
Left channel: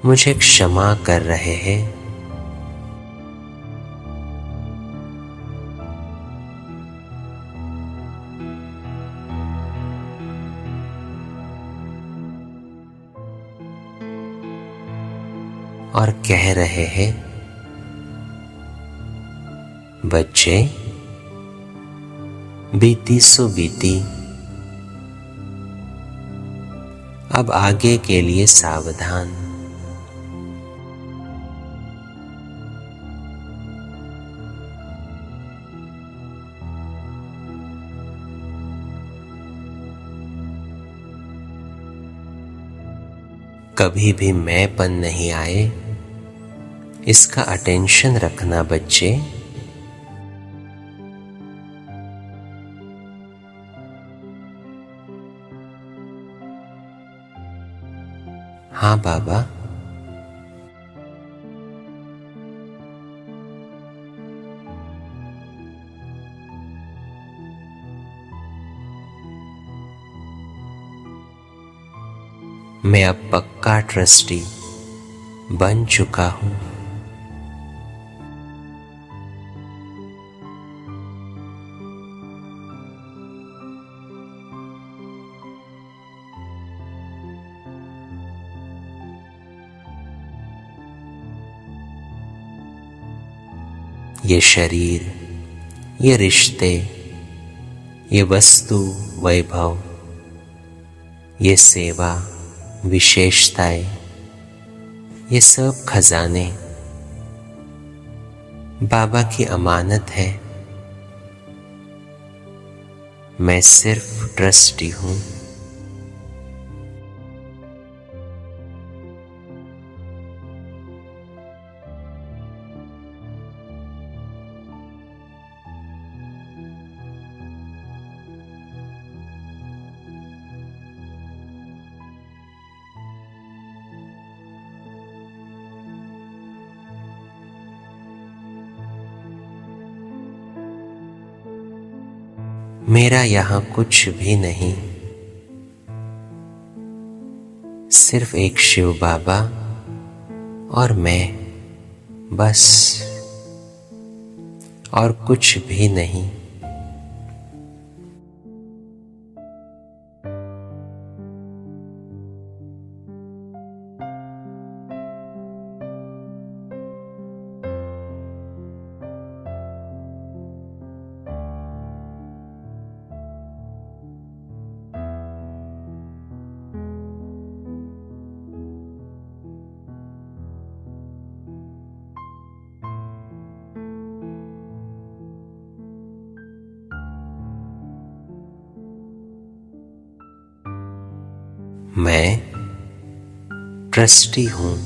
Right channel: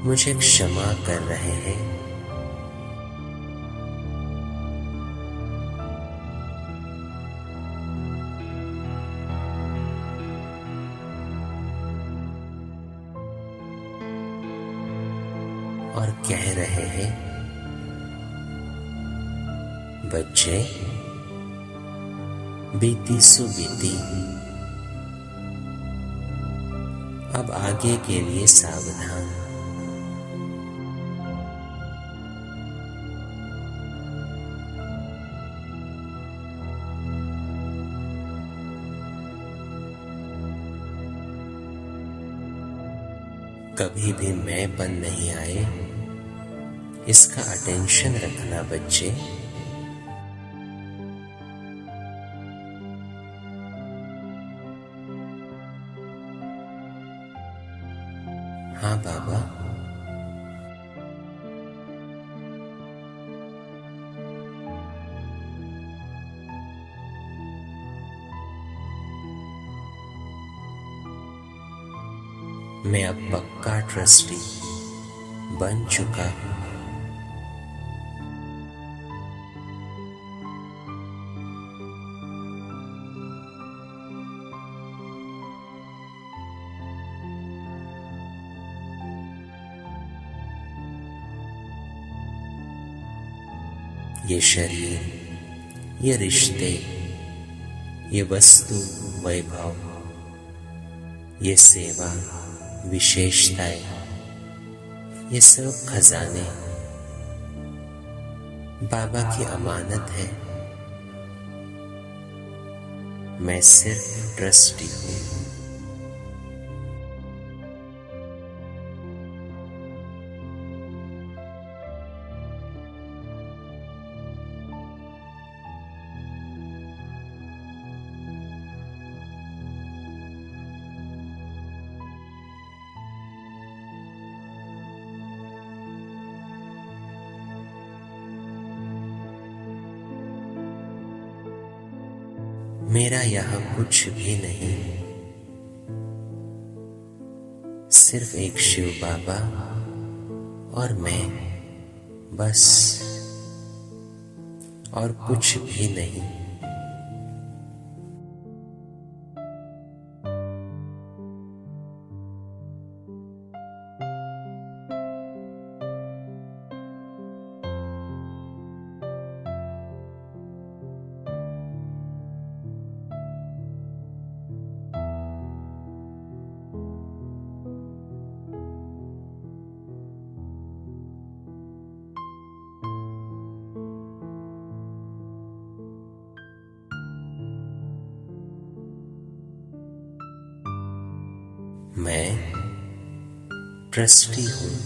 मुझे क्षमा कर रहे हैं। और कह रहे हैं, बच्चे बीती सो बीती, अब आगे के लिए सावधान। कभी भी मैंपन नहीं आए, इसका अटेंशन रखना बच्चे। हाँ बाबा, मैं अब पक्का ट्रस्टी बन चुका हूं। ये शरीर, ये रिश्ते, ये वस्तु वैभव, ये सेवा विशेषताएं, ये सब खजाने बाबा की अमानत है। मैं सिर्फ ट्रस्टी हूं। मेरा यहां कुछ भी नहीं, सिर्फ एक शिव बाबा और मैं, बस, और कुछ भी नहीं। मैं ट्रस्टी हूँ।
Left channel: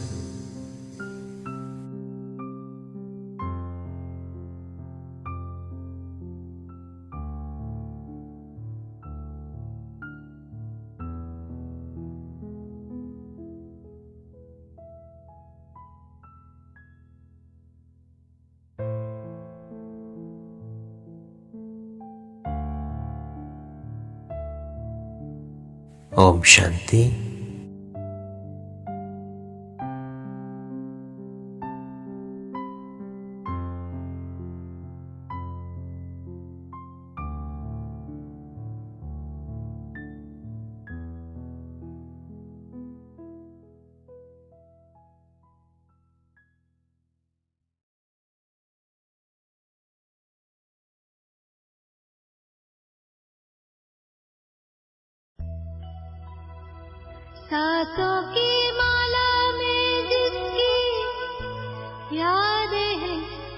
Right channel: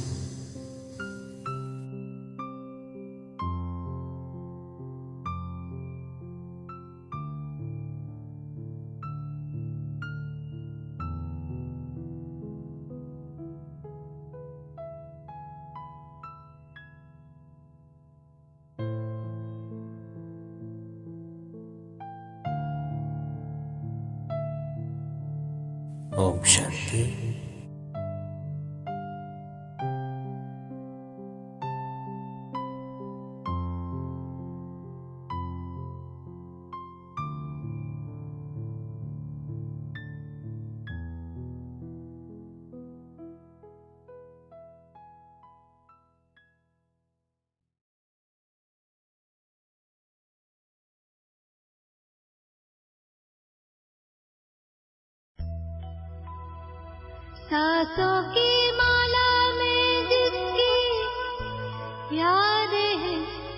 ओम शांति। सांसों की माला में जिसकी याद है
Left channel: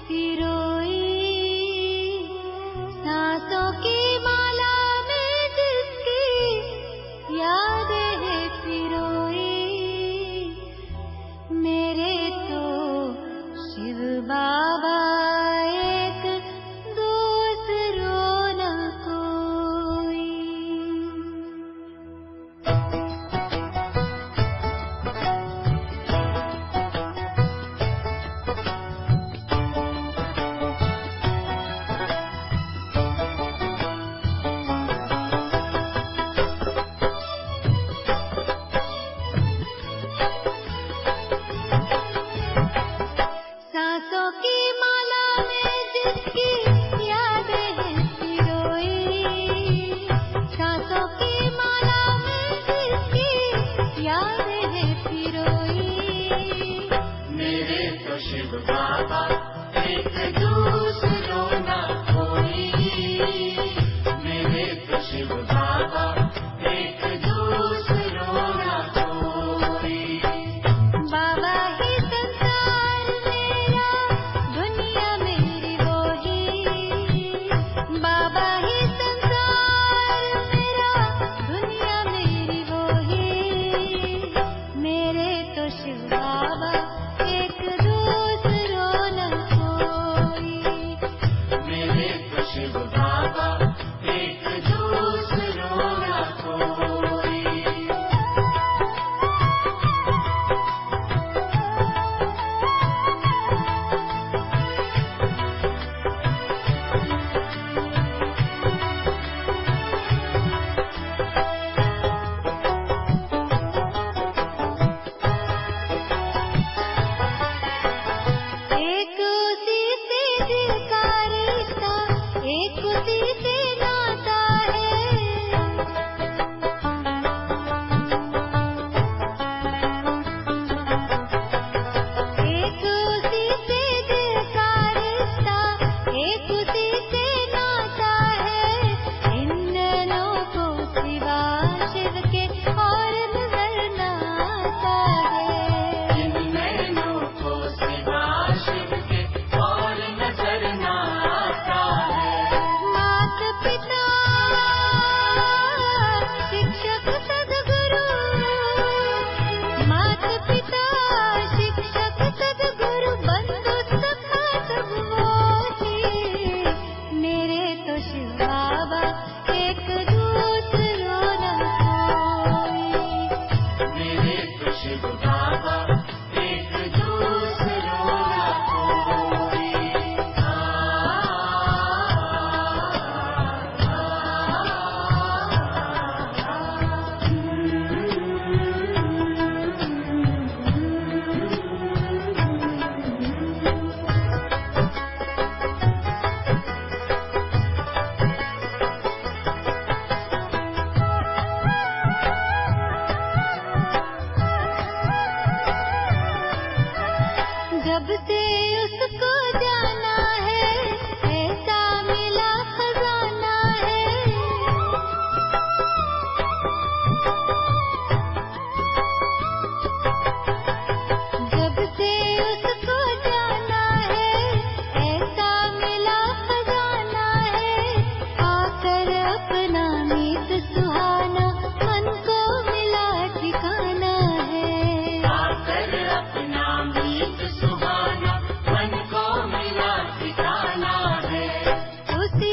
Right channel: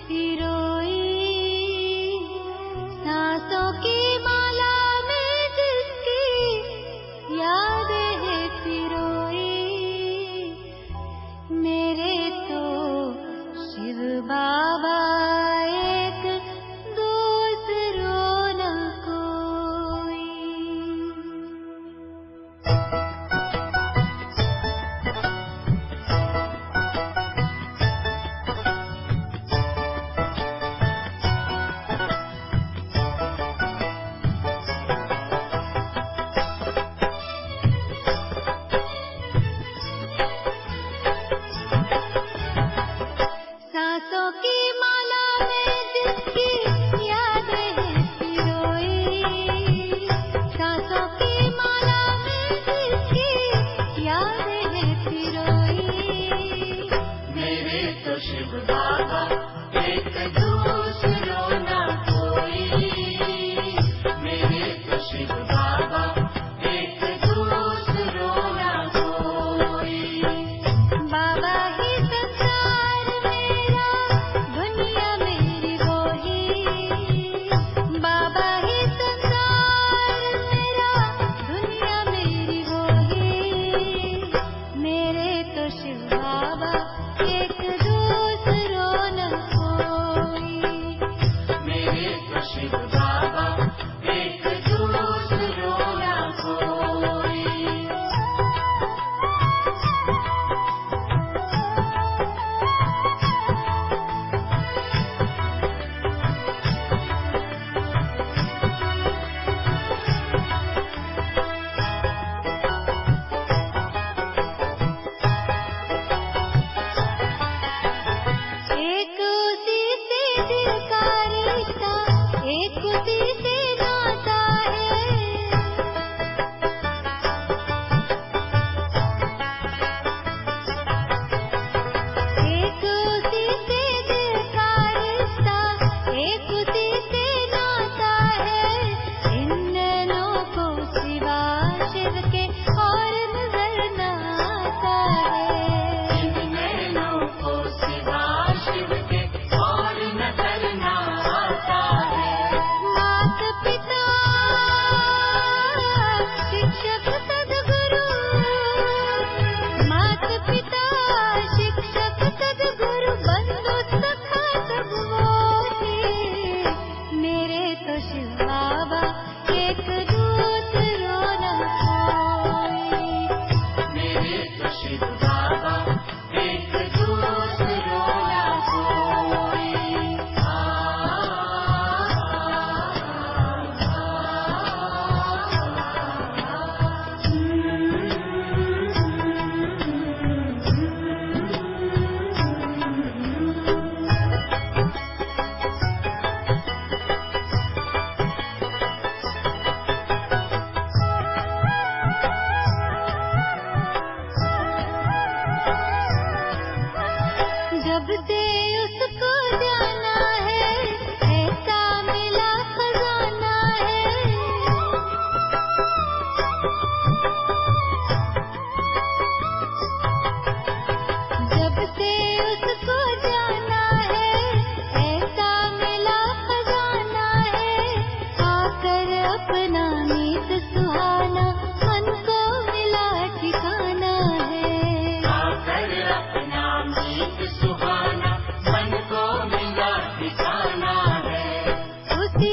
पिरोई, सांसों की माला में जिसकी याद है पिरोई, मेरे तो शिव बाबा एक दूसरो न कोई। सांसों की माला में जिसकी याद है पिरोई, सांसों की माला में जिसकी याद है पिरोई, मेरे तो शिव बाबा एक दूसरो न कोई, मेरे तो शिव बाबा एक दूसरो न कोई। बाबा ही बाबा ही संसार मेरा, दुनिया मेरी वो ही, मेरे तो शिव बाबा एक दूसरो न कोई, मेरे तो शिव बाबा एक दूसरो न कोई। एक उसी से दिल का रिश्ता, एक उसी से नाता है, एक उसी से दिल का रिश्ता, एक उसी से नाता है, इन नैनों को सिवा शिव के और नजर न आता है, इन नैनों को सिवा शिव के और नजर न आता है। मात पिता शिक्षक सद्गुरु, मात पिता शिक्षक सद्गुरु, बंधु सखा सब वो ही, मेरे तो शिव बाबा एक दूसरो न कोई, मेरे तो शिव बाबा एक दूसरो न कोई। जब से उसको जाना है, ऐसा मिला खजाना है, जब से उसको जाना है, ऐसा मिला खजाना है, आकर अपना मीत सुहाना मन को मिला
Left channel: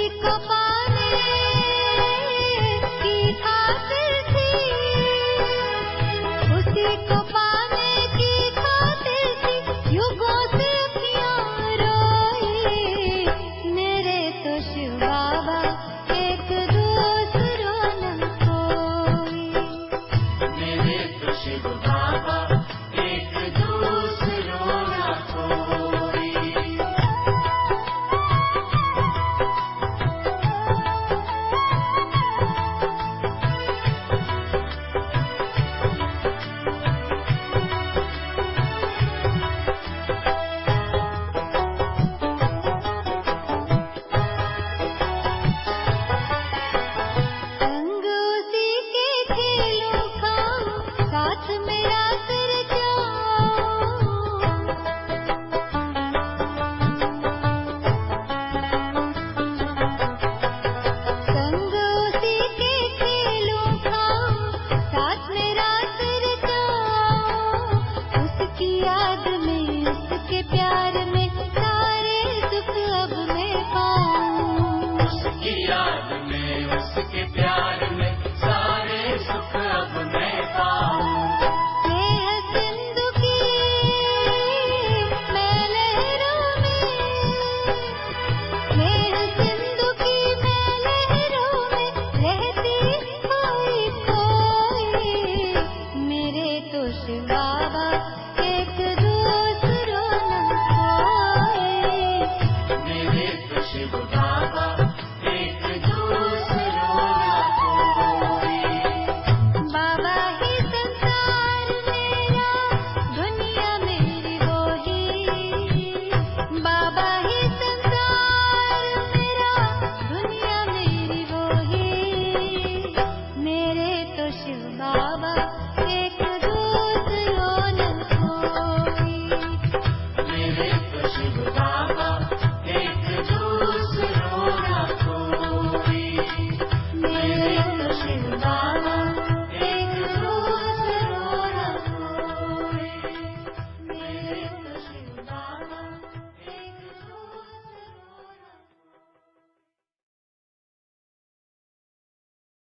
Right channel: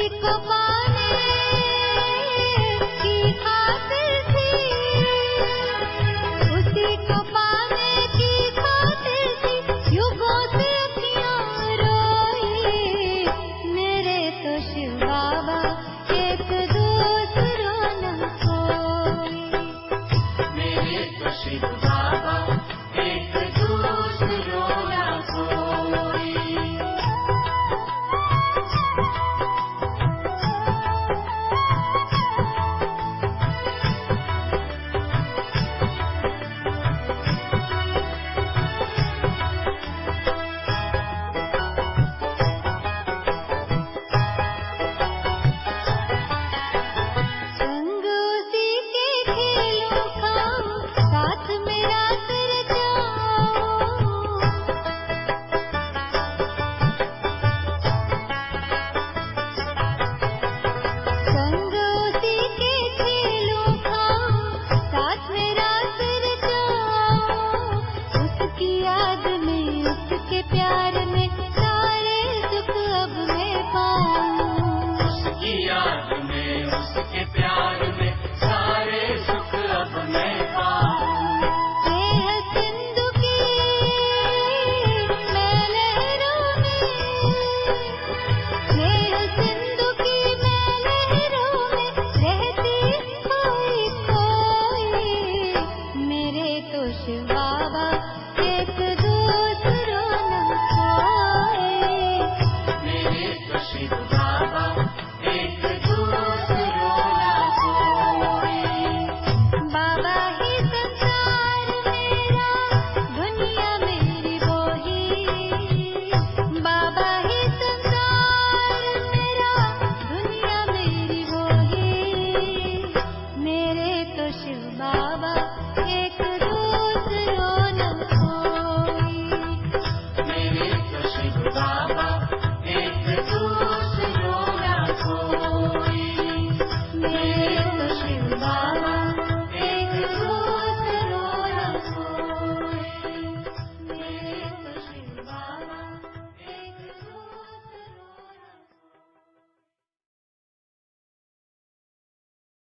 उसी को पाने की खातिर थी, उसी को पाने की खातिर थी युगों से अखियां रोई। मेरे तो शिव बाबा एक दूसरों न कोई, मेरे तो शिव बाबा एक दूसरों न कोई। संग उसी के खेलों खाऊं, साथ मेरा सिर जाऊं। संग उसी के खेलों खाऊं, साथ मेरा सिर जाऊं। उसकी याद में, उसके प्यार में सारे सुख अब मैं पाऊं। उसकी याद में, उसके प्यार में सारे सुख अब मैं